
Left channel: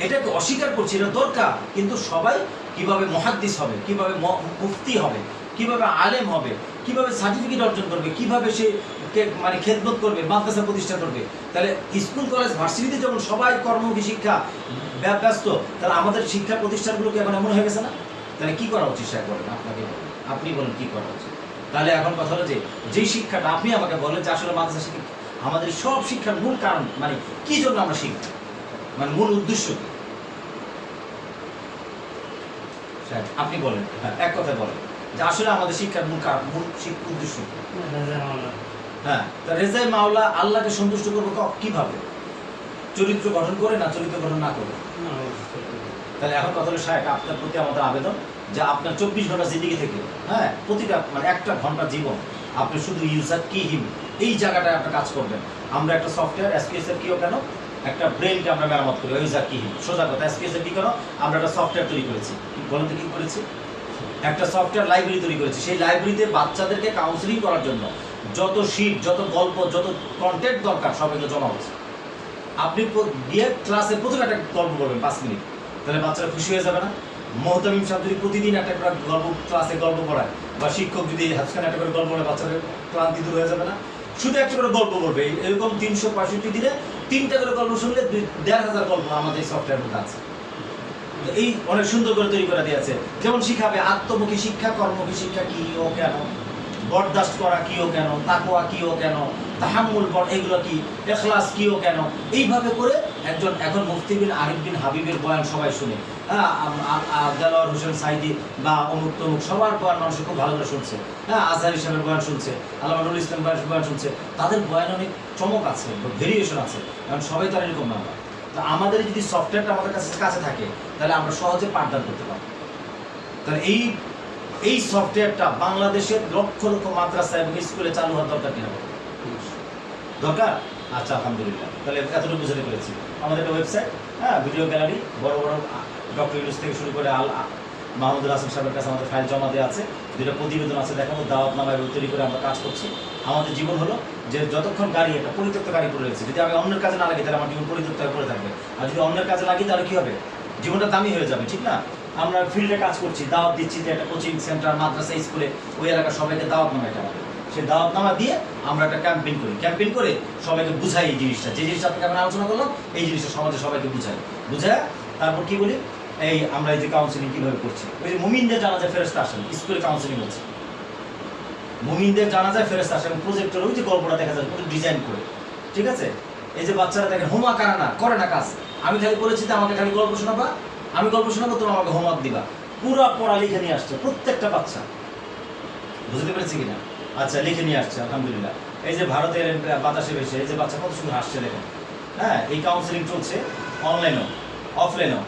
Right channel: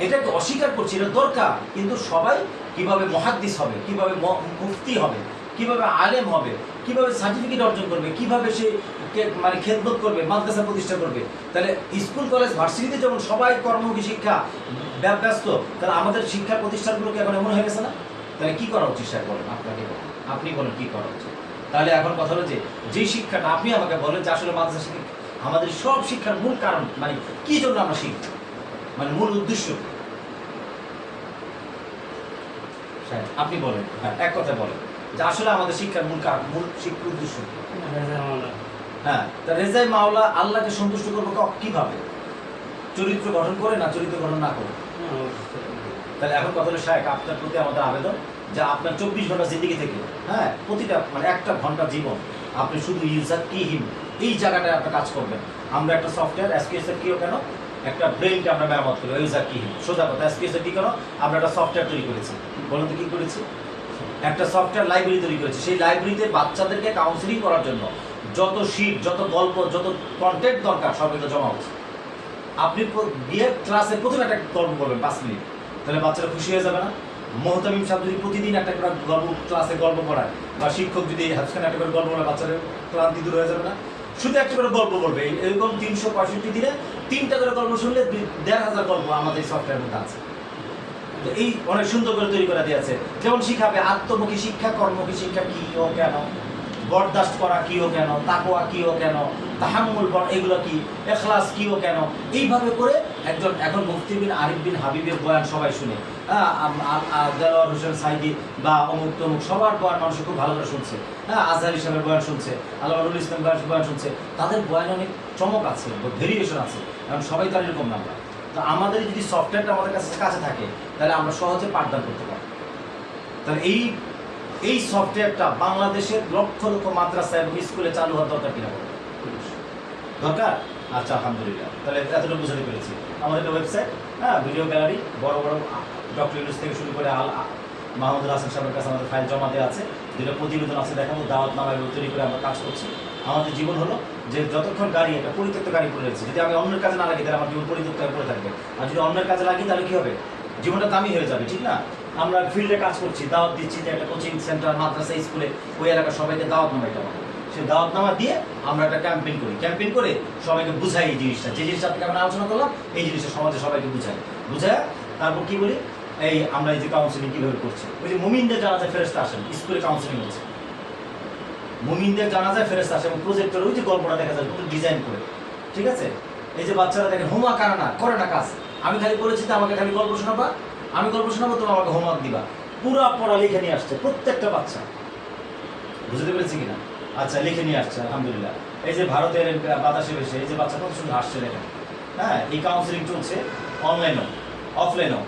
এটাকে অস্বীকার করছি, এটা দরকার, কিন্তু সবাই কিভাবে মুহাদ্দিস হবে, কিভাবে মুফতি হবে, কিভাবে আলেম হবে, কিভাবে সার্টিফিকেট অর্জন করবে, কিভাবে সে মানে খেদমত করবে, মাদ্রাসা প্রতিষ্ঠা করবে। তাহলে স্কুল, কলেজ, ভার্সিটিতে যখন সবাই কর্মমুখী শিক্ষা ব্যস্ত, তাহলে আমাদের শিক্ষা প্রতিষ্ঠানগুলোকে এখন এমন হয়ে গেছে না? তাহলে কি করা উচিত সাহেব বলেন? আপনি বলেন কি করা উচিত? তাহলে এখন কথা হলো যে শিক্ষাটা আপনি আমাকে বলেন যে আসলে মাদ্রাসা শিক্ষা আমাদের সব শিক্ষার মূল কারণ মানে কি জন্য আমরা শিখব, মানে মূল উদ্দেশ্য কি? আপনি বলেন, এক কথা বলেন যে আসলে আমাদের শিক্ষার মূল কারণ, মূল শিক্ষার উদ্দেশ্য। হ্যাঁ, তা রেজায়ে মাওলা, আল্লাহকে সন্তুষ্ট করবো কিভাবে? চরিত্র গঠন করে না চরিত্র গঠন না করে? তাহলে এখন কথা হলো সাহেব আপনার প্রতি আমাদের আবেদন যে আপনার 24 ঘন্টা জিন্দেগি থেকে, হ্যাঁ, প্রতিটা মানে একটা ঘন্টা জীবন আপনি শুধু ইউজাকিহিম এই জায়গাটায় আপনি কাজ করবেন। আমরা একটা সফটওয়্যার এসপিএসএফ কিও কেন একটা ব্রেনকে আমরা মেরামত করি, ইউজাকিহিম সোজা কথা। এসপিএসএফ কি কেন আমরা একটা সফটওয়্যার তৈরি করেছি, বলুন তো কি করেছি? একটা সফটওয়্যার লাইব্রেরি তৈরি করেছি। সেই লাইব্রেরিতে বাচ্চাদেরকে কাউন্সিলিং করার জন্য যত শীট, যত গল্প, যত কন্টেন্ট দরকার সব এগুলো জমা হচ্ছে। আপনি গিয়ে ক্লাসে প্রথমে একটা গল্প বলবেন 5 মিনিট, তাহলে বাচ্চারা খুশি হয়ে যাবে না? মোহতামিম সাহেব যদি প্রতিদিন একটা করে গল্প ক্লাসে গল্প পড়ায়, বা শিক্ষক যদি হাজখানে একটা করে গল্প বলে, বাচ্চাদের ক্লান্তি দূর হয়ে যাবে না? শুধু একটা করে গল্প বলবে, এরকম 365 দিনে 3টা করে গল্প শুনলে 1500 গল্প আমাদের এই সফটওয়্যার মধ্যে আছে। এই অনেক সুন্দর করে তৈরি করা দিয়েছে। যেমন শিখাবে আত্মমুখী শিক্ষা, কর্মমুখী শিক্ষা কি ও কেন, বরদাস্ত করা কি ও কেন, তাকওয়া কি ও কেন, তাহাম্মুল এগুলো কি, ইখলাস কি ও কেন, এইভাবে করে একজন এখন মুফতি বিন আরিফ বিন হাবিবের বয়ান সবাই শুনে, দেলোয়ার হোসেন সাইদি বা অমুক তমুক সবার বয়ান মানুষ খুব ভালো করে শুনছে, হ্যাঁ, আজহার হিসাবের বয়ান শুনছে, আল্লাহ নুরুল ইসলাম বয়ান শুনছে। তাদের বয়ান অনেক চমক আছে, ভেরিয়েশন আছে, কারণ সবাই তার এরকম না। তো আমাদের যদি সফটওয়্যারটা আমাদের কাছে থাকে তাহলে আমরা সহজে পাঠদান করতে পারি। তাহলে এই সফটওয়্যারটা বাংলাদেশের লক্ষ লক্ষ মাদ্রাসা এবং স্কুলে চালু হওয়ার দরকার কিনা? দরকার। আচ্ছা আলহামদুলিল্লাহ, তাহলে এতটুকু বুঝতে পেরেছি। আমাদের একটা ওয়েবসাইট, হ্যাঁ, ভিডিও গ্যালারি, বড় বড় ডক্টর ইউনুস থেকে শুরু করে মাহমুদুল হাসান সাহেবের কাছে আমাদের ফাইল জমা দেওয়া আছে, যেটা প্রতিবেদন আছে, দেখাবো দাওয়াতনামা এবং তৈরি করে আমরা কাজ করছি। আমাদের জীবন হলো যে যতক্ষণ গাড়ি একটা পরিত্যক্ত গাড়ি পড়ে রয়েছে, যদি আমি অন্যের কাজে না লাগি তাহলে আমার জীবন পরিত্যক্ত হয়ে পড়ে থাকবে, আর যদি অন্যের কাজে লাগি তাহলে কি হবে, জীবনটা দামি হয়ে যাবে, ঠিক না? আমরা ফিল্ডে কাজ করছি, দাওয়াত দিচ্ছি যে একটা কোচিং সেন্টার, মাদ্রাসা, স্কুলে, ওই এলাকার সবাইকে দাওয়াত নামা, এটা সেই দাওয়াতনামা দিয়ে আমরা একটা ক্যাম্পেইন করি, ক্যাম্পেইন করে সবাইকে বুঝাই এই জিনিসটা, যে জিনিসটা আপনাকে আমরা আলোচনা করলাম, এই জিনিসটা সমাজে সবাইকে বুঝায় তারপর কি বলি, এই আমরা এই যে কাউন্সিলিং কিভাবে করছি, ওই যে মুমিনদের জানাজায় ফেরেশতা আসেন, স্কুলে কাউন্সিলিং হচ্ছে, মুমিনদের জানাজায় ফেরেশতা আসে এবং প্রজেক্টর ওই যে গল্পটা দেখা যায় পুরো ডিজাইন করে, ঠিক আছে? এই যে বাচ্চারা দেখেন হোমওয়ার্ক করে না কাজ, আমি খালি বলেছি যে আমাকে খালি গল্প শোনাবা, আমি গল্প শোনাবো, তুমি আমাকে হোমওয়ার্ক দিবা, পুরো পড়া লিখে নিয়ে আসছে প্রত্যেকটা বাচ্চা, বুঝতে পেরেছি কিনা? আচ্ছা, লিখে নিয়ে আসছে আলহামদুলিল্লাহ। এই যে ভারতের বাতাসে ভেসে এই যে বাচ্চা কত সুন্দর হাসছে দেখেন। হ্যাঁ, এই কাউন্সিলিং চলছে অনলাইনেও অফলাইনেও।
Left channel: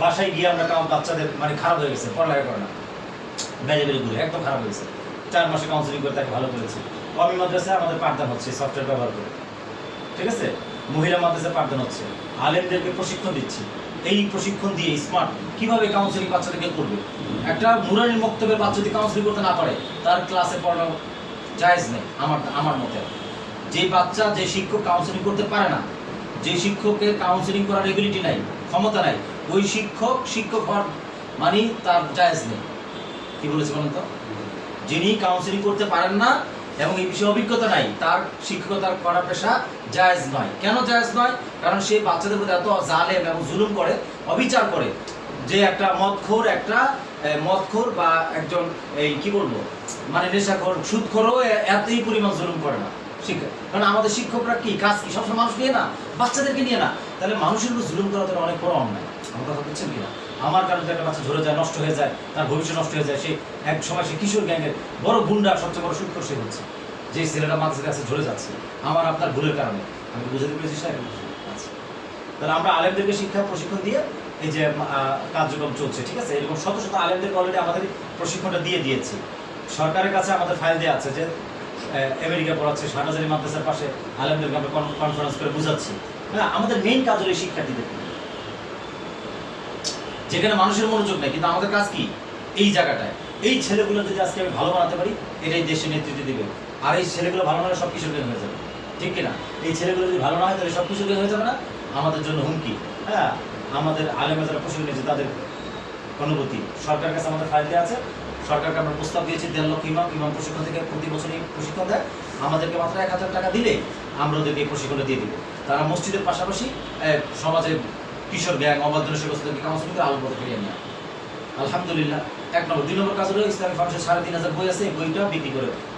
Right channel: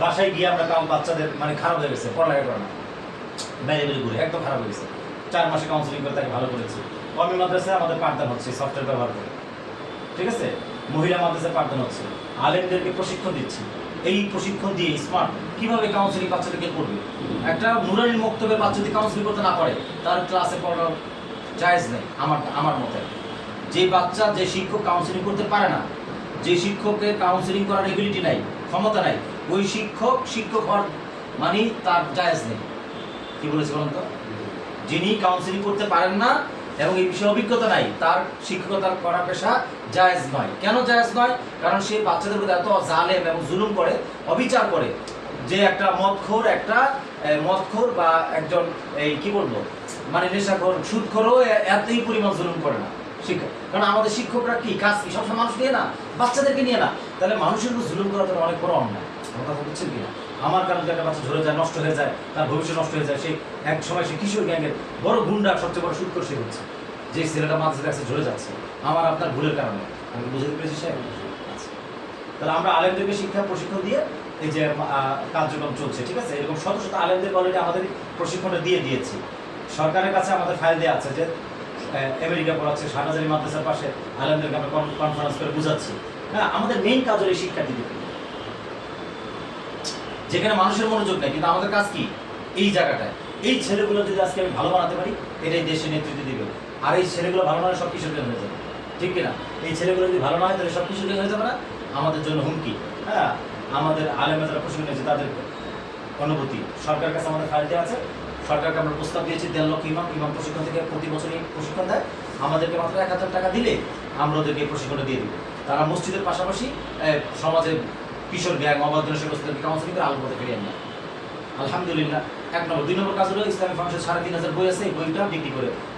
বাসায় গিয়ে আমরা বাচ্চাদের মানে খারাপ হয়ে গেছে, পড়ালেখা করে না, বেড়ে ঘুরে একদম খারাপ হয়েছে, 4 মাসে কাউন্সিলিং করে তাকে ভালো করেছি। কমি মাদ্রাসায় আমাদের পাঠদান হচ্ছে সফটওয়্যার ব্যবহার করে, ঠিক আছে? মহিলা মাদ্রাসায় পাঠদান হচ্ছে, আলেমদেরকে প্রশিক্ষণ দিচ্ছি, এই প্রশিক্ষণ দিয়ে স্মার্ট কিভাবে কাউন্সিলিং বাচ্চাদেরকে করবে। একটা নুরানির বক্তব্যের বাচ্চা যদি কাউন্সিলিং করতে না পারে তার ক্লাসে পড়ানো জায়েজ নেই আমার মতে। যে বাচ্চা, যে শিক্ষক কাউন্সিলিং করতে পারে না, যে শিক্ষকের কাউন্সিলিং করার এবিলিটি নাই, ক্ষমতা নাই, ওই শিক্ষক হওয়ার মানে তার জায়েজ নেই। কি বলেছি বলেন তো? যিনি কাউন্সিলিং করতে পারেন না এবং এই বিষয়ে অভিজ্ঞতা নাই, তার শিক্ষকতার করা পেশা জায়েজ নয়। কেন জায়েজ নয়? কারণ সে বাচ্চাদের প্রতি এত জালেম এবং জুলুম করে, অবিচার করে, যে একটা মদখোর বা একজন এই কি বলবো মানে নেশাখোর, সুদখোরও এতই পরিমাণ জুলুম করে না শিক্ষক। কারণ আমাদের শিক্ষকরা কি কাজ কি সবসময় মানুষ নিয়ে না, বাচ্চাদেরকে নিয়ে না, তাহলে মানুষের উপর জুলুম করা তো অনেক বড় অন্যায়। আমার কথা বুঝছেন কিনা? আমার কারণে একটা বাচ্চা ঝরে যায়, নষ্ট হয়ে যায়, তার ভবিষ্যৎ নষ্ট হয়ে যায়, সে এক সময় সে কিশোর গ্যাংয়ের বড় গুন্ডা, সবচেয়ে বড় সুদখোর সে হচ্ছে, যে ছেলেটা মাদ্রাসার কাছে ঝরে যাচ্ছে আমার আপনার ভুলের কারণে। আমি বুঝতে পেরেছি সাহেব? আচ্ছা, তাহলে আমরা আলেমদেরকে শিক্ষা প্রশিক্ষণ দিয়ে এই যে কার্যক্রম চলছে, ঠিক আছে? এরকম শত শত আলেমদের অলরেডি আমাদের প্রশিক্ষণটা দিয়ে দিয়েছি। সরকারের কাছে আমাদের ফাইল দেওয়া আছে যে আমেরিকা পড়াচ্ছে, শাহনাজারি মাদ্রাসার পাশে আলেমদেরকে আমরা কনফারেন্স করে বুঝাচ্ছি। হ্যাঁ, আমাদের মেইন কাজ হলো এই শিক্ষার্থীদের, যেখানে মানুষের মনোযোগ নেই, কিন্তু আমাদের কাজ কি এই জায়গাটায়। এই ছেলেগুলো যদি আজকে আমি ভালো বানাতে পারি, এটাই দেশে নেতৃত্ব দিবে। আর এই ছেলেগুলো ভালো না হয় সব কিছু হয়ে যাবে, ঠিক কিনা? এই ছেলেগুলো যদি ভালো না হয় তাহলে সব কিছু হয়ে যাবে না, আমাদের জন্য হুমকি। হ্যাঁ, আমাদের আলেমরা যারা প্রশিক্ষণ নিয়েছে তাদের অনুভূতি সরকারের কাছে আমাদের ফাইল দেওয়া আছে। সরকারকে আমরা প্রস্তাব দিয়েছি 1.5 লক্ষ ইমাম প্রশিক্ষণ থেকে প্রতি বছরই প্রশিক্ষণ দেয়, আমাদেরকে মাত্র 1000 টাকা দিলে আমরা ওদেরকে প্রশিক্ষণটা দিয়ে দিব। তারা মসজিদের পাশাপাশি সমাজের কিশোর গ্যাং, অবাধ জনসংখ্যাকে কাউন্সিলিং করে আলোর পথে ফিরিয়ে নেয়। আলহামদুলিল্লাহ। 1 নম্বর। 2 নম্বর কাজ হলো ইসলামী ফাউন্ডেশন 3500 বই আছে, এই বইটা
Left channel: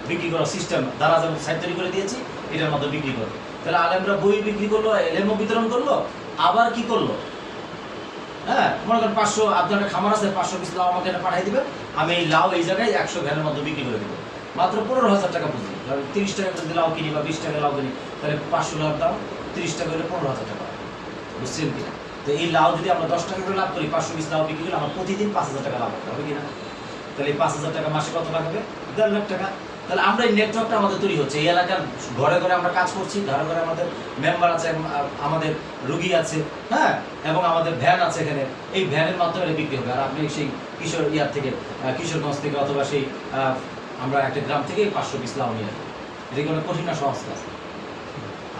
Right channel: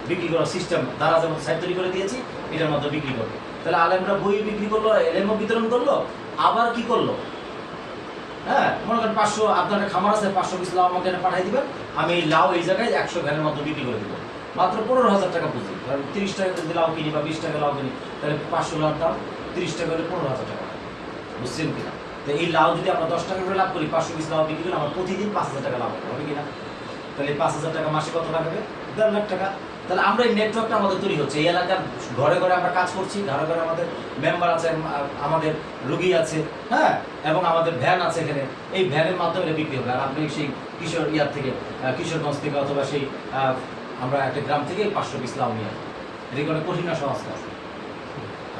বিক্রি করার সিস্টেম দ্বারা যেমন সাইট তৈরি করে দিয়েছি, এটার মধ্যে বিক্রি করবে। তাহলে আলেমরা বই বিক্রি করলো, এলেমও বিতরণ করলো, আবার কি করলো, হ্যাঁ, মনে করেন 500 আপনার খামার আছে, 500 পিস লাউ আমাকে পাঠিয়ে দিবেন, আমি এই লাউ এই জায়গায় 100 ভ্যানের মধ্যে বিক্রি করে দেবো, মাত্র 15,000 টাকা পুঁজি। 30 টাকা যদি লাউ কিনি বা 20 টাকা লাউ কিনি, তাহলে 500 লাউর দাম 30 টাকা হলে 15,000 টাকা, বুঝছেন কিনা? তো এই লাউ যদি আমরা 10 টাকা করে লাভ করি, 500 পিস লাউ বিক্রি করলে আমার প্রতিদিন 5,000 টাকা লাভ হবে কিনা? তাহলে এই 5,000 টাকা মাসে কত লাভ হবে? 1.5 লাখ টাকা। তাহলে আমরা এই নেটওয়ার্কটা আমাদের তৈরি হচ্ছে, এই এলাকার ঘরে ঘরে আমরা কাজ করছি, ঘরে ঘরে আমাদের মেম্বার আছে, আমাদের রুগী আছে, হ্যাঁ, এবং আমাদের ভ্যান আছে এখানে, এই ভ্যানের মাধ্যমে বিক্রি হবে। আর আপনি সেই কিশোরগঞ্জ থেকে অথবা সেই আমরা একটা গ্রাম থেকে 500 পিস লাউ নিয়ে, এটা কোনো কঠিন না, সহজ কাজ।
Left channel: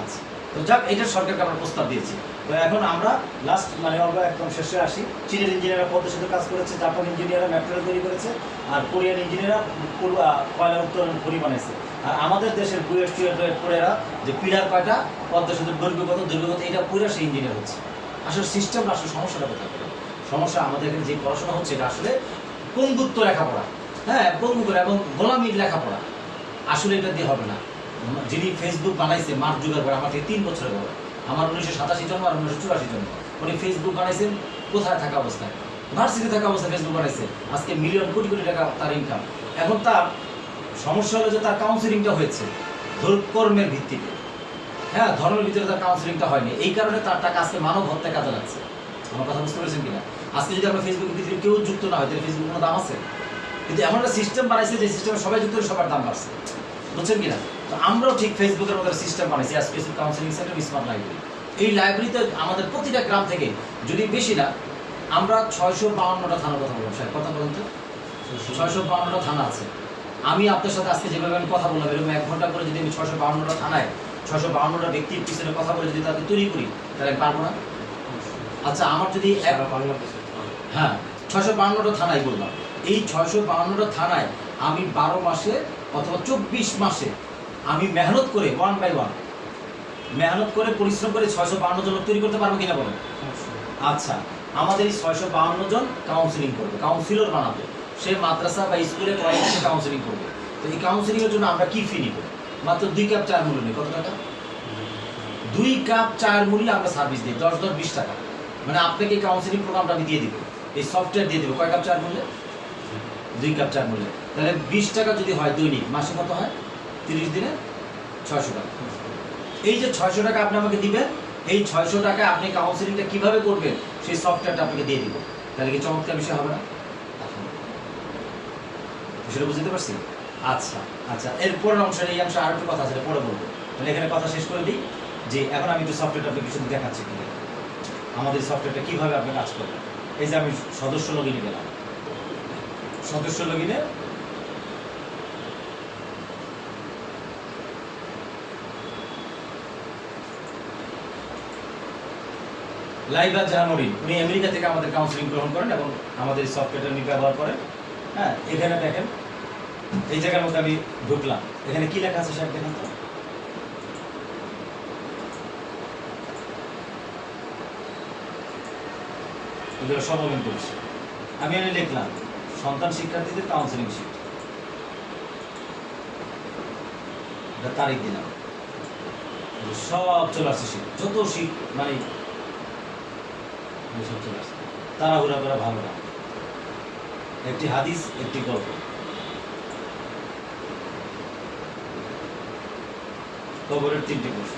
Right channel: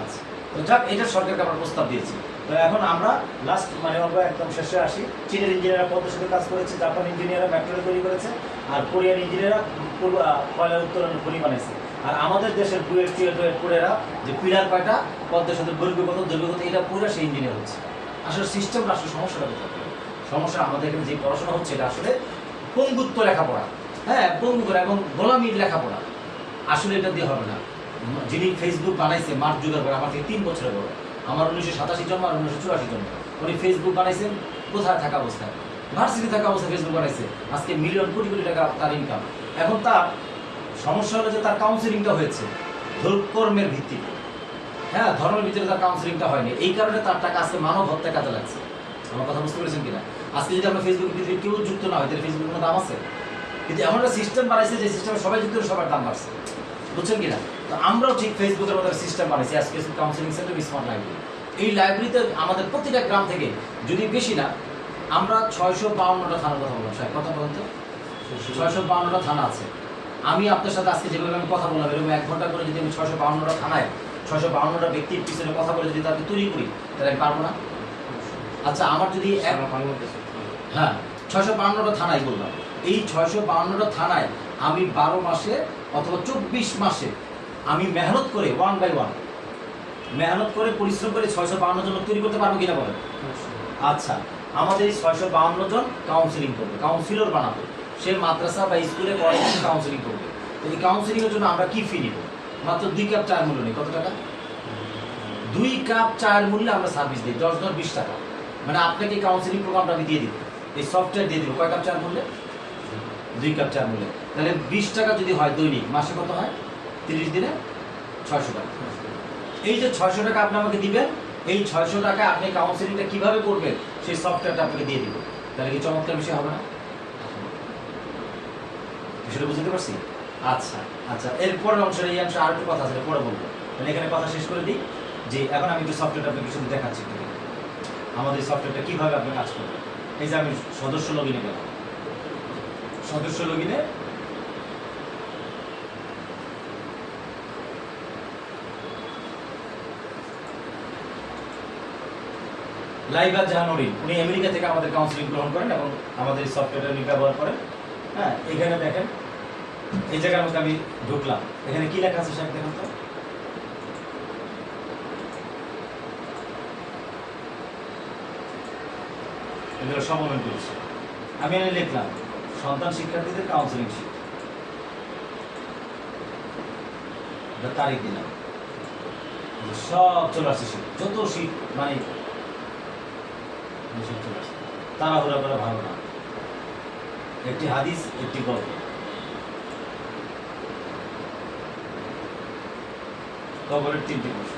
আচ্ছা, তো যাক, এটা সরকারকে আমরা প্রস্তাব দিয়েছি। তো এখন আমরা লাস্ট মানে আমরা একদম শেষে আসি। চীনের ইঞ্জিনিয়াররা পদ্মের সাথে কাজ করেছে, জাপান ইঞ্জিনিয়াররা মেট্রো তৈরি করেছে, আর কোরিয়ান ইঞ্জিনিয়াররা কয়লা উত্তোলন খনি বানাইছে। আর আমাদের দেশের পুরেরা যে পিলার কয়টা, পদ্মা সেতুর দৈর্ঘ্য কত, এটা পুরা সেই ইঞ্জিনিয়ার হচ্ছে। আসলে সিস্টেম আসলে সমস্যাটা কোথায়? সমস্যা আমাদের এখানে যে পড়াশোনা হচ্ছে এটা আসলে পঙ্গুত্ব লেখাপড়া, হ্যাঁ, পঙ্গু এবং গোলামির লেখাপড়া। আসলে এটা দিয়ে হবে না। যিনি ফেসবুক বানাইছে মার্ক জুকারবার্গ, আমার থেকে 3 বছরের বড়, আমার 1987 জন্ম আর 1984 জন্ম। উনি ফেসবুক বানাইছেন কোথায় থাকা অবস্থায়? ভার্সিটি থাকা অবস্থায় ফেসবুক বানাইছে, আজকে মিলিয়ন কোটি কোটি টাকা তার ইনকাম। এখন তার সমস্যা হলো যে তার কাউন্সিলিংটা হয়েছে কর্মের ভিত্তিতে, হ্যাঁ, ধর্মের ভিতরে তার কাউন্সিলিংটা হয়নি, এই কারণে তার টাকা আজকে মানব হত্যায় কাজে লাগছে। আমার কথা বুঝতে পেরেছেন কিনা? আজকে যদি আমরা ফেসবুকের ভিতরে কেউ যুক্ত না হয় তাহলে ফেসবুকের কোনো দাম আছে? কিন্তু এমন একটা সিস্টেম বানাইছে যে সিস্টেমে সবাই যুক্ত হলে সবার দাম বাড়ছে, বুঝছেন কিনা? তো আমরাও ঠিক ফেসবুকের মতো সিস্টেম বানাইছি, special counselling centre, smart library. এই লাইব্রেরিতে আমাদের প্রতিটা গ্রাম থেকে, যদি বেশি না, আমরা 652টা থানার কথা বললাম, সাহেব কথা বলেন তো, 652টা থানা আছে, আমি আপনার সাথে আজকে যেভাবে আমি কথা বললাম এরকম 1 ঘন্টা করে যদি আমি 652টা থানায় 652টা ব্যক্তির পিছনে কথা বলে যদি তাকে তৈরি করি তাহলে আমি পারবো না। আচ্ছা আমার যদি সারা বাংলাদেশে হ্যাঁ 652টা থানায় বললাম, এই 652টা থানায় আমি 12 মাসে অথবা 24 মাসে আমি মেহনত করে 1 বাই 1 মেহনত করে পরিশ্রম করে 652 জন লোক তৈরি করতে পারবো কিনা বলেন। আচ্ছা আমাদের এই 652 জন কাউন্সিলিং করবে, কাউন্সিলর বানাবে, সে মাদ্রাসা বা স্কুলে কলেজে কাউন্সিলিং করবে। তো এই কাউন্সিলিংয়ের জন্য আমরা কি ফি নিব? মাত্র 2 কাপ চায়ের মূল্য নেই। কত টাকা? 2 কাপ চায়ের মূল্যে আমরা সার্ভিস দিই, 10 20 টাকা। মানে আপনাকে এই কাউন্সিলিং প্রোগ্রামটা আমি দিয়ে দিব, এই সফটওয়্যার দিয়ে দিব। কয় কাপ চায়ের মূল্যে? 2 কাপ চায়ের মূল্যে। তাহলে 20 টাকা যদি হয় দৈনিক, মাসে কত হয়? 30 দিনে 600 টাকা। এই যে 600 টাকা আপনি আমাকে দিবেন, এই 600 টাকা আপনি কাউন্সিলিংটা কিভাবে করবেন সেই সফটওয়্যারটা আপনাকে দিয়ে দিব। তাহলে কি চমৎকার বিষয় হবে না? বিষয়টা বুঝতে পারছি? আচ্ছা আচ্ছা, এরপরের অংশের এই অংশে আর একটু কথা আছে, পরে বলবো। তাহলে এখানে কথা শেষ করে দিই যে এখন আমি একটু সফটওয়্যারটা আপনাকে শুধু দেখাচ্ছি কি আমাদের সফটওয়্যারটা কিভাবে আপনি কাজ করবেন। এই যে আমি সদস্য লগইনে গেলাম, সদস্য লগইনে লাইবাত জাহানুরিন, উনি আমেরিকা থেকে আমাদের কাউন্সিলিং গ্রহণ করেন এবং আমাদের এই সফটওয়্যারটা উনি ব্যবহার করেন। হ্যাঁ এখানে দেখেন, এই জায়গার মধ্যে আমি ঢুকলাম, এখানে কি লেখা আছে সাহেব দেখুন তো। এগুলো সব আমি করেছি। আমি এখানে লিখলাম সন্তান শিক্ষার্থীদের কাউন্সিলিং শিট, তারিখ দিলাম, সব চলে আসছে শীত, যত শীত মানে চলে আসছে। তাড়াহুড়া করা ভালো না, একটি হাদিস একটি গল্প, কবরের 3টি প্রশ্ন,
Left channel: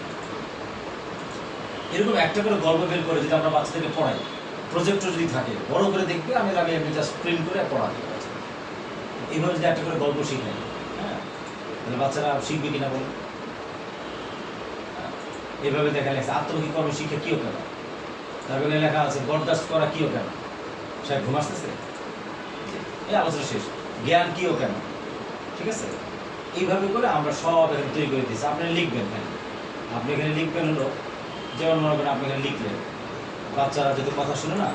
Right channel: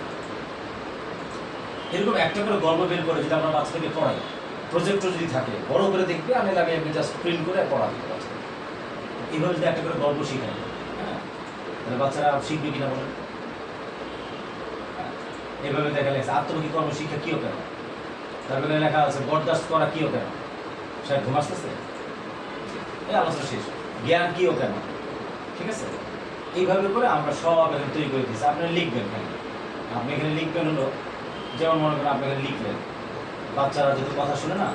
এরকম একটা করে গল্প বের করে যদি আমরা বাচ্চাদেরকে পড়াই, প্রজেক্টর যদি থাকে বড় করে দেখবে, আমি জাস্ট প্রিন্ট করে পড়া দিই বাচ্চাদের। এইভাবে যদি একটা করে গল্প শিখাই, হ্যাঁ তাহলে বাচ্চারা শিখবে কিনা বলেন। এভাবে দেখা লেখা আত্মমুখী কর্ম শিক্ষা কিও কেন, তারপরে লেখা আছে বরদাস্ত করা কিও কেন, সাহেব ঘুম আসতেছে, এই আলোচনা শেষ। জ্ঞান কিও কেন, ঠিক আছে। এইভাবে করে আমরা সব এখানে তৈরি করে দিচ্ছি। আপনি লিখবেন এখানে, আপনি এখানে লিখবেন হলো যেমন মনে করেন আপনি এখানে লিখলেন, বাচ্চারা যেহেতু কথা শুনে না,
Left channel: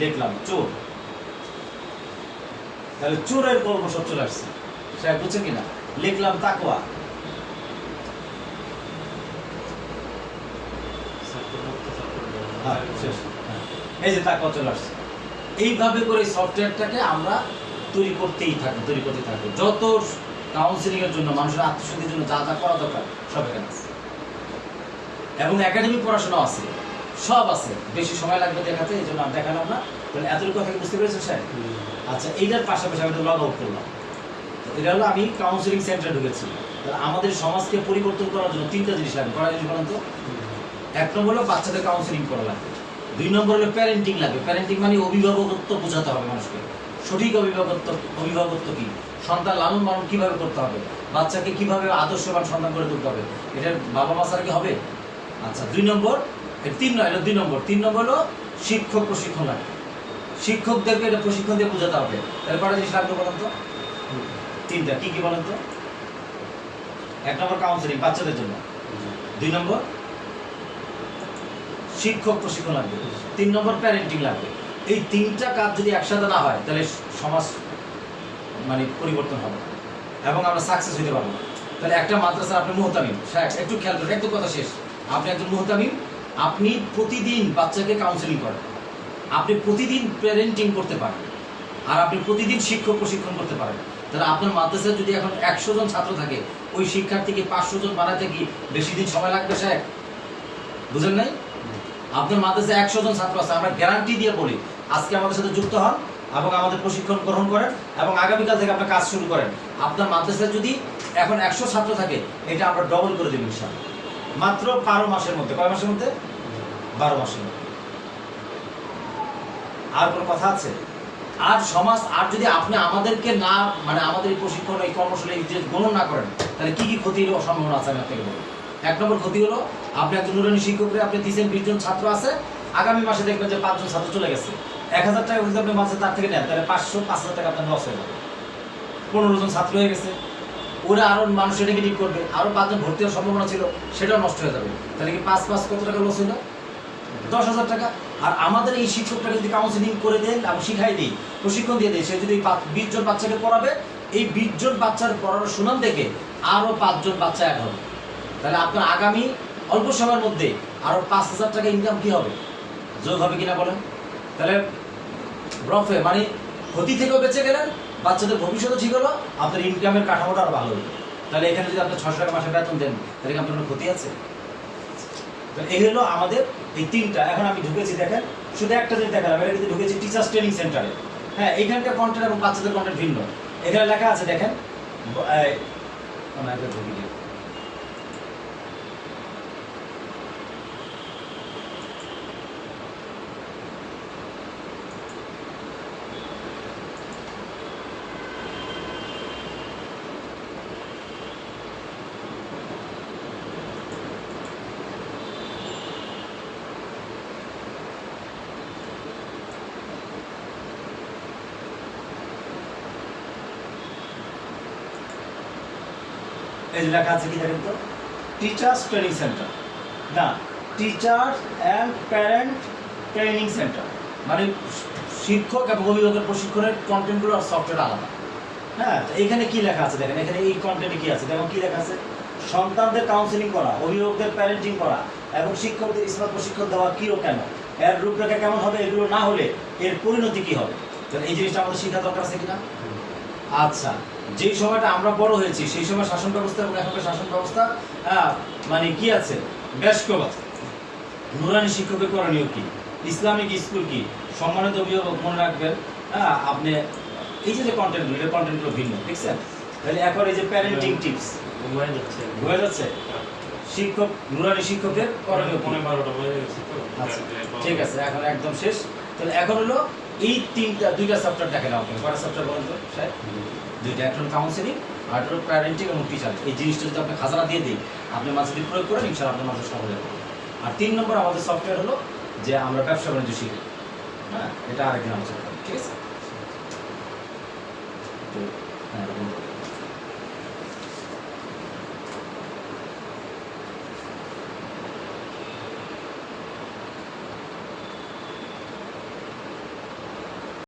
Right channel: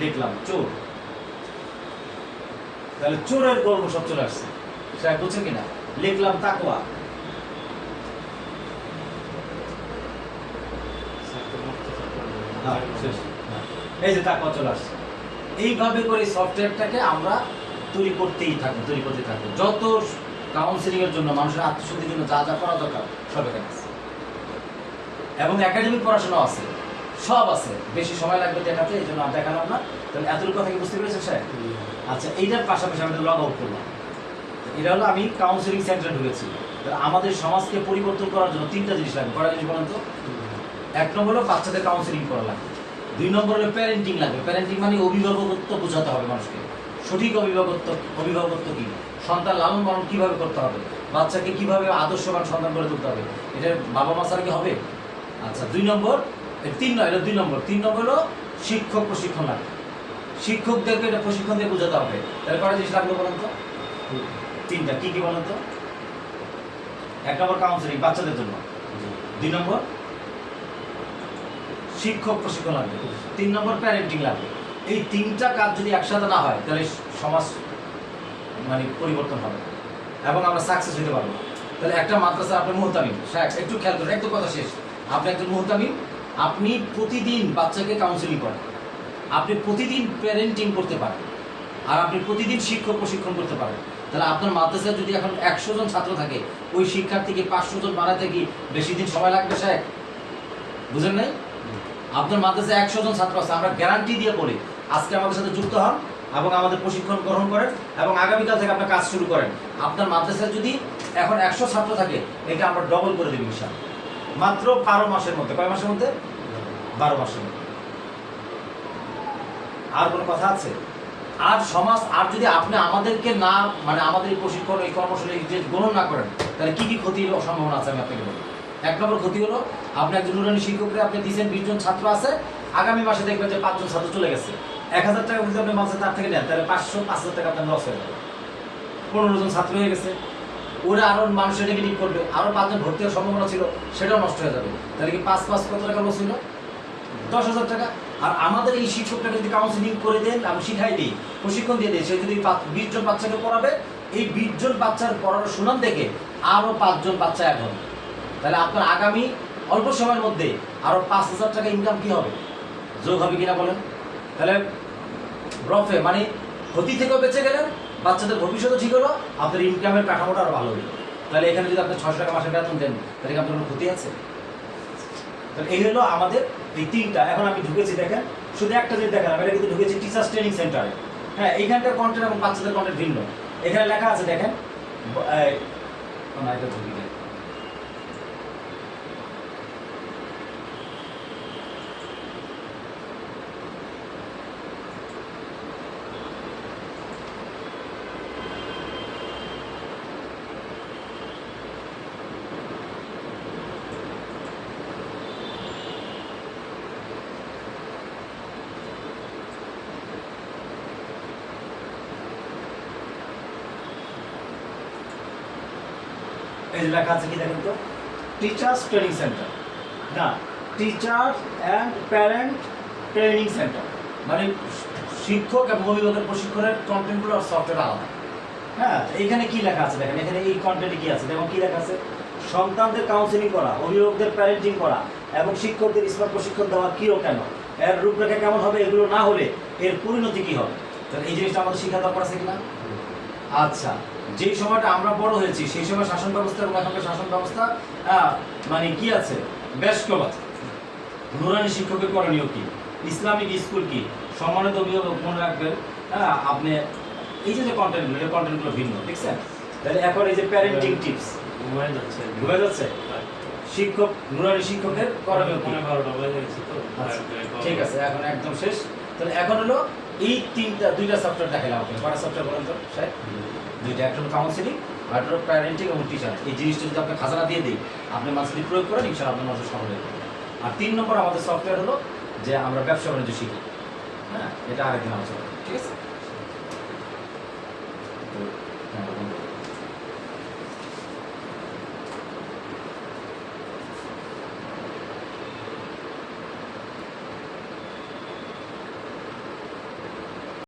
লিখলাম চোর, তাহলে চোরের গল্প সব চলে আসছে, সাহেব বুঝছেন কিনা। লিখলাম তাকওয়া, এই যে তাকওয়া চলে আসছে। এইভাবে করে সফটওয়্যারটাকে আমরা তৈরি করতেই থাকবো, তৈরি করতে থাকবো। যত কাউন্সিলিং এর জন্য মানুষের আত্মশুদ্ধির জন্য যা যা করা দরকার সব এখানে আছে, এবং একাডেমিক পড়াশোনা আছে, সব আছে। বেশি সময় লাগবে দেখাতে, এই জন্য আর দেখালাম না। তাহলে এতটুকু কথা কি বুঝতে পেরেছেন স্যার? আচ্ছা এইটার পাশাপাশি আমি লগ আউট করলাম, এটা হলো আমি কাউন্সিলিং সেন্টারে ঢুকেছি। আমাদের সমাজকে পরিবর্তন করার জন্য 3টা জিনিস লাগবে। কটা জিনিস বলেন তো? 1 নম্বর হলো বাচ্চাদের কাউন্সিলিং করা লাগবে, 2 নম্বর হলো প্যারেন্টিং লাগবে। প্যারেন্টিং মানে অভিভাবকত্ব বোঝাতে হবে মানুষকে, সঠিক অভিভাবকত্ব কি, সন্তান লালন পালন কিভাবে করতে হবে, বাচ্চাকে কিভাবে আদর্শবান সন্তান করে তুলতে হবে, এটার বাবা মা ছাড়া কি হবে? আচ্ছা 2 নম্বর, 3 নয়, এটা 2 নম্বর। 3 নম্বর হলো শিক্ষক প্রশিক্ষণ লাগবে, শিক্ষকদেরকে এটা প্রশিক্ষণ দিয়ে বোঝাতে হবে। তাহলে কটা জিনিস লাগবে বলেন তো? 3টা। কি কি বলেন তো? 1 নম্বর কাউন্সিলিং বাচ্চাদের জন্য, 2 নম্বর শিক্ষক প্রশিক্ষণ লাগবে, 3 নম্বর প্যারেন্টিং লাগবে। এই 3টা কাজ যদি একসাথে না হয় তাহলে সমাজ মানে পরিবর্তন হবে এবং আমরা সাকসেস হতে পারবো না। তাহলে একটা মাদ্রাসার আপনি মুহতামিম, একটু খেয়াল করেন, একটু কথা শেষ। আপনি একজন মুহতামিম, আপনি প্রতিদিন বাচ্চাকে কাউন্সিলিং করেন, আপনি প্রতিদিন প্যারেন্টিং করতে পারেন, আর আপনি প্রতিদিন শিক্ষক প্রশিক্ষণ করতে পারেন। তাহলে আপনার মাদ্রাসায় যদি এখন 100 জন ছাত্র থাকে, ওই শিক্ষার্থীকে 500 জন বানাতে কি বেশি দিন সময় লাগবে সাহেব? বুঝেন নাই? আপনার মাদ্রাসায় 100 জন ছাত্র আছে, আমরা গ্যারান্টি দিয়ে বলি আজকে আমাদের সাথে যুক্ত হন এবং আমাদের প্রশিক্ষণ গ্রহণ করেন এবং আগামীকাল থেকে আপনার কাজ শুরু করেন। আপনার মাদ্রাসায় যদি এখন 100 ছাত্র থাকে, এটা আমরা ডবল করে দেব ইনশাআল্লাহ, মাত্র 12 মাসের মধ্যে। কয় মাসের মধ্যে? 12 মাসের মধ্যে। আর কোনো কথা আছে? আর সমাজ, আর যদি আপনি আমাদেরকে না মানে আমাদের এই প্রশিক্ষণ এই কর্মশালী যে গ্রহণ না করেন, তাহলে কি কি ক্ষতির সম্ভাবনা আছে আমি আপনাকে বলি। 1 নম্বর ক্ষতি হলো, আপনি একজন নুরানি শিক্ষকরে আপনি দিচ্ছেন 20 জন ছাত্র আছে, আগামী মাসে দেখবেন যে 5 জন ছাত্র চলে গেছে। 1000 টাকা যদি আপনি মাসে তার থেকে নেন তাহলে 500-5000 টাকা আপনার লস হয়ে যাবে। 15 জন ছাত্র হয়ে গেছে, ওরা আরো মানুষের নেগেটিভ করবে, আরো 5 জন ভর্তি হওয়ার সম্ভাবনা ছিল, সেটাও নষ্ট হয়ে যাবে। তাহলে কি 5 কত টাকা লস হলো? 10,000 টাকা। আর আমাদের এই শিক্ষকটাকে যদি কাউন্সিলিং করে দেন, আমি শিখাই দিই, প্রশিক্ষণ দিয়ে দিই, সে যদি 20 জন বাচ্চাকে পড়াবে, এই 20 জন বাচ্চার পড়ানোর সুনাম দেখে আরো 5 জন বাচ্চা অ্যাড হবে। তাহলে আপনার আগামী অল্প সময়ের মধ্যে আরো 5,000 টাকা ইনকাম কি হবে, যোগ হবে কিনা বলেন? তাহলে রফে মানে ক্ষতি থেকেও বেঁচে গেলেন, বাচ্চাদের ভবিষ্যৎ ঠিক হলো, আপনার ইনকামের কাঠামোটা আরো ভালো হলো। তাহলে এখানে যদি আপনি 600 টাকা মাসে বেতন দেন, তাহলে কি আপনার কোনো ক্ষতি আছে? তাহলে এই হলো আমাদের এই 3টা। এখন আমি ঢুকেছি, দেখেন শুধু একটা জিনিস দেখালাম, এটা কিন্তু ঢুকেছি টিচার্স ট্রেনিং সেন্টারে। হ্যাঁ, এইখানকার কন্টেন্ট এবং বাচ্চাদের কন্টেন্ট ভিন্ন। এখানে লেখা আছে দেখেন, এটা ঢুকি দিই। এই যে লেখা আছে কি দেখেন তো, টিচার্স ট্রেনিং সেন্টার, না teachers and parent training centre, মানে শিক্ষক এবং অভিভাবকের প্রশিক্ষণের কন্টেন্টগুলো আর সফটওয়্যার আলাদা। হ্যাঁ, এইখানে কি লেখা আছে দেখেন, এখানে এই কন্টেন্টে কি আছে দেখো, কি লেখা আছে, সন্তানদের কাউন্সিলিং করা, অভিভাবকদের প্যারেন্টিং করা এবং শিক্ষকদের স্মার্ট প্রশিক্ষণ দেওয়া কি ও কেন, এর রূপরেখা কেমন হবে, এগুলো না হলে এর পরিণতি কি হবে। তাহলে এই জিনিসটা আমাদের শেখা দরকার আছে কিনা? আচ্ছা, যেই সময়টা আমরা বড় হয়েছি সেই সময় শাসন ব্যবস্থা এবং এখনকার শাসন ব্যবস্থা মানে কি আছে, বেশ কম আছে। নুরানি শিক্ষকের করণীয় কি, ইসলামিক স্কুল কি, সম্মানিত অভিভাবক মনে রাখবেন। আপনি এই যে কন্টেন্টগুলো ভিন্ন, ঠিক আছে? তাহলে এখন এই যে প্যারেন্টিং টিপস বুঝা যাচ্ছে, শিক্ষক নুরানি শিক্ষকের করণীয় কি? ঠিক আছে, এখন একদম শেষ। তাহলে এখন হলো এই দুইটা সফটওয়্যার দেখালাম আপনাকে। কয়টা সফটওয়্যার বলেন তো স্যার? দুইটা, একটা হলো কাউন্সিলিং আর একটা হলো প্যারেন্টিং এবং টিচার। এই জিনিসটা যদি আপনি খাজানা দিয়ে দিই, আপনি মাঝে যদি প্রয়োগ করেন, ইনশাআল্লাহ আপনার মাঝে সহজ হবে। আর 3 নম্বর আমাদের সফটওয়্যার হলো যে আমরা ব্যবসা বাণিজ্য শিখি। হ্যাঁ, এটা আরেকদিন আলোচনা করি, ঠিক আছে? তো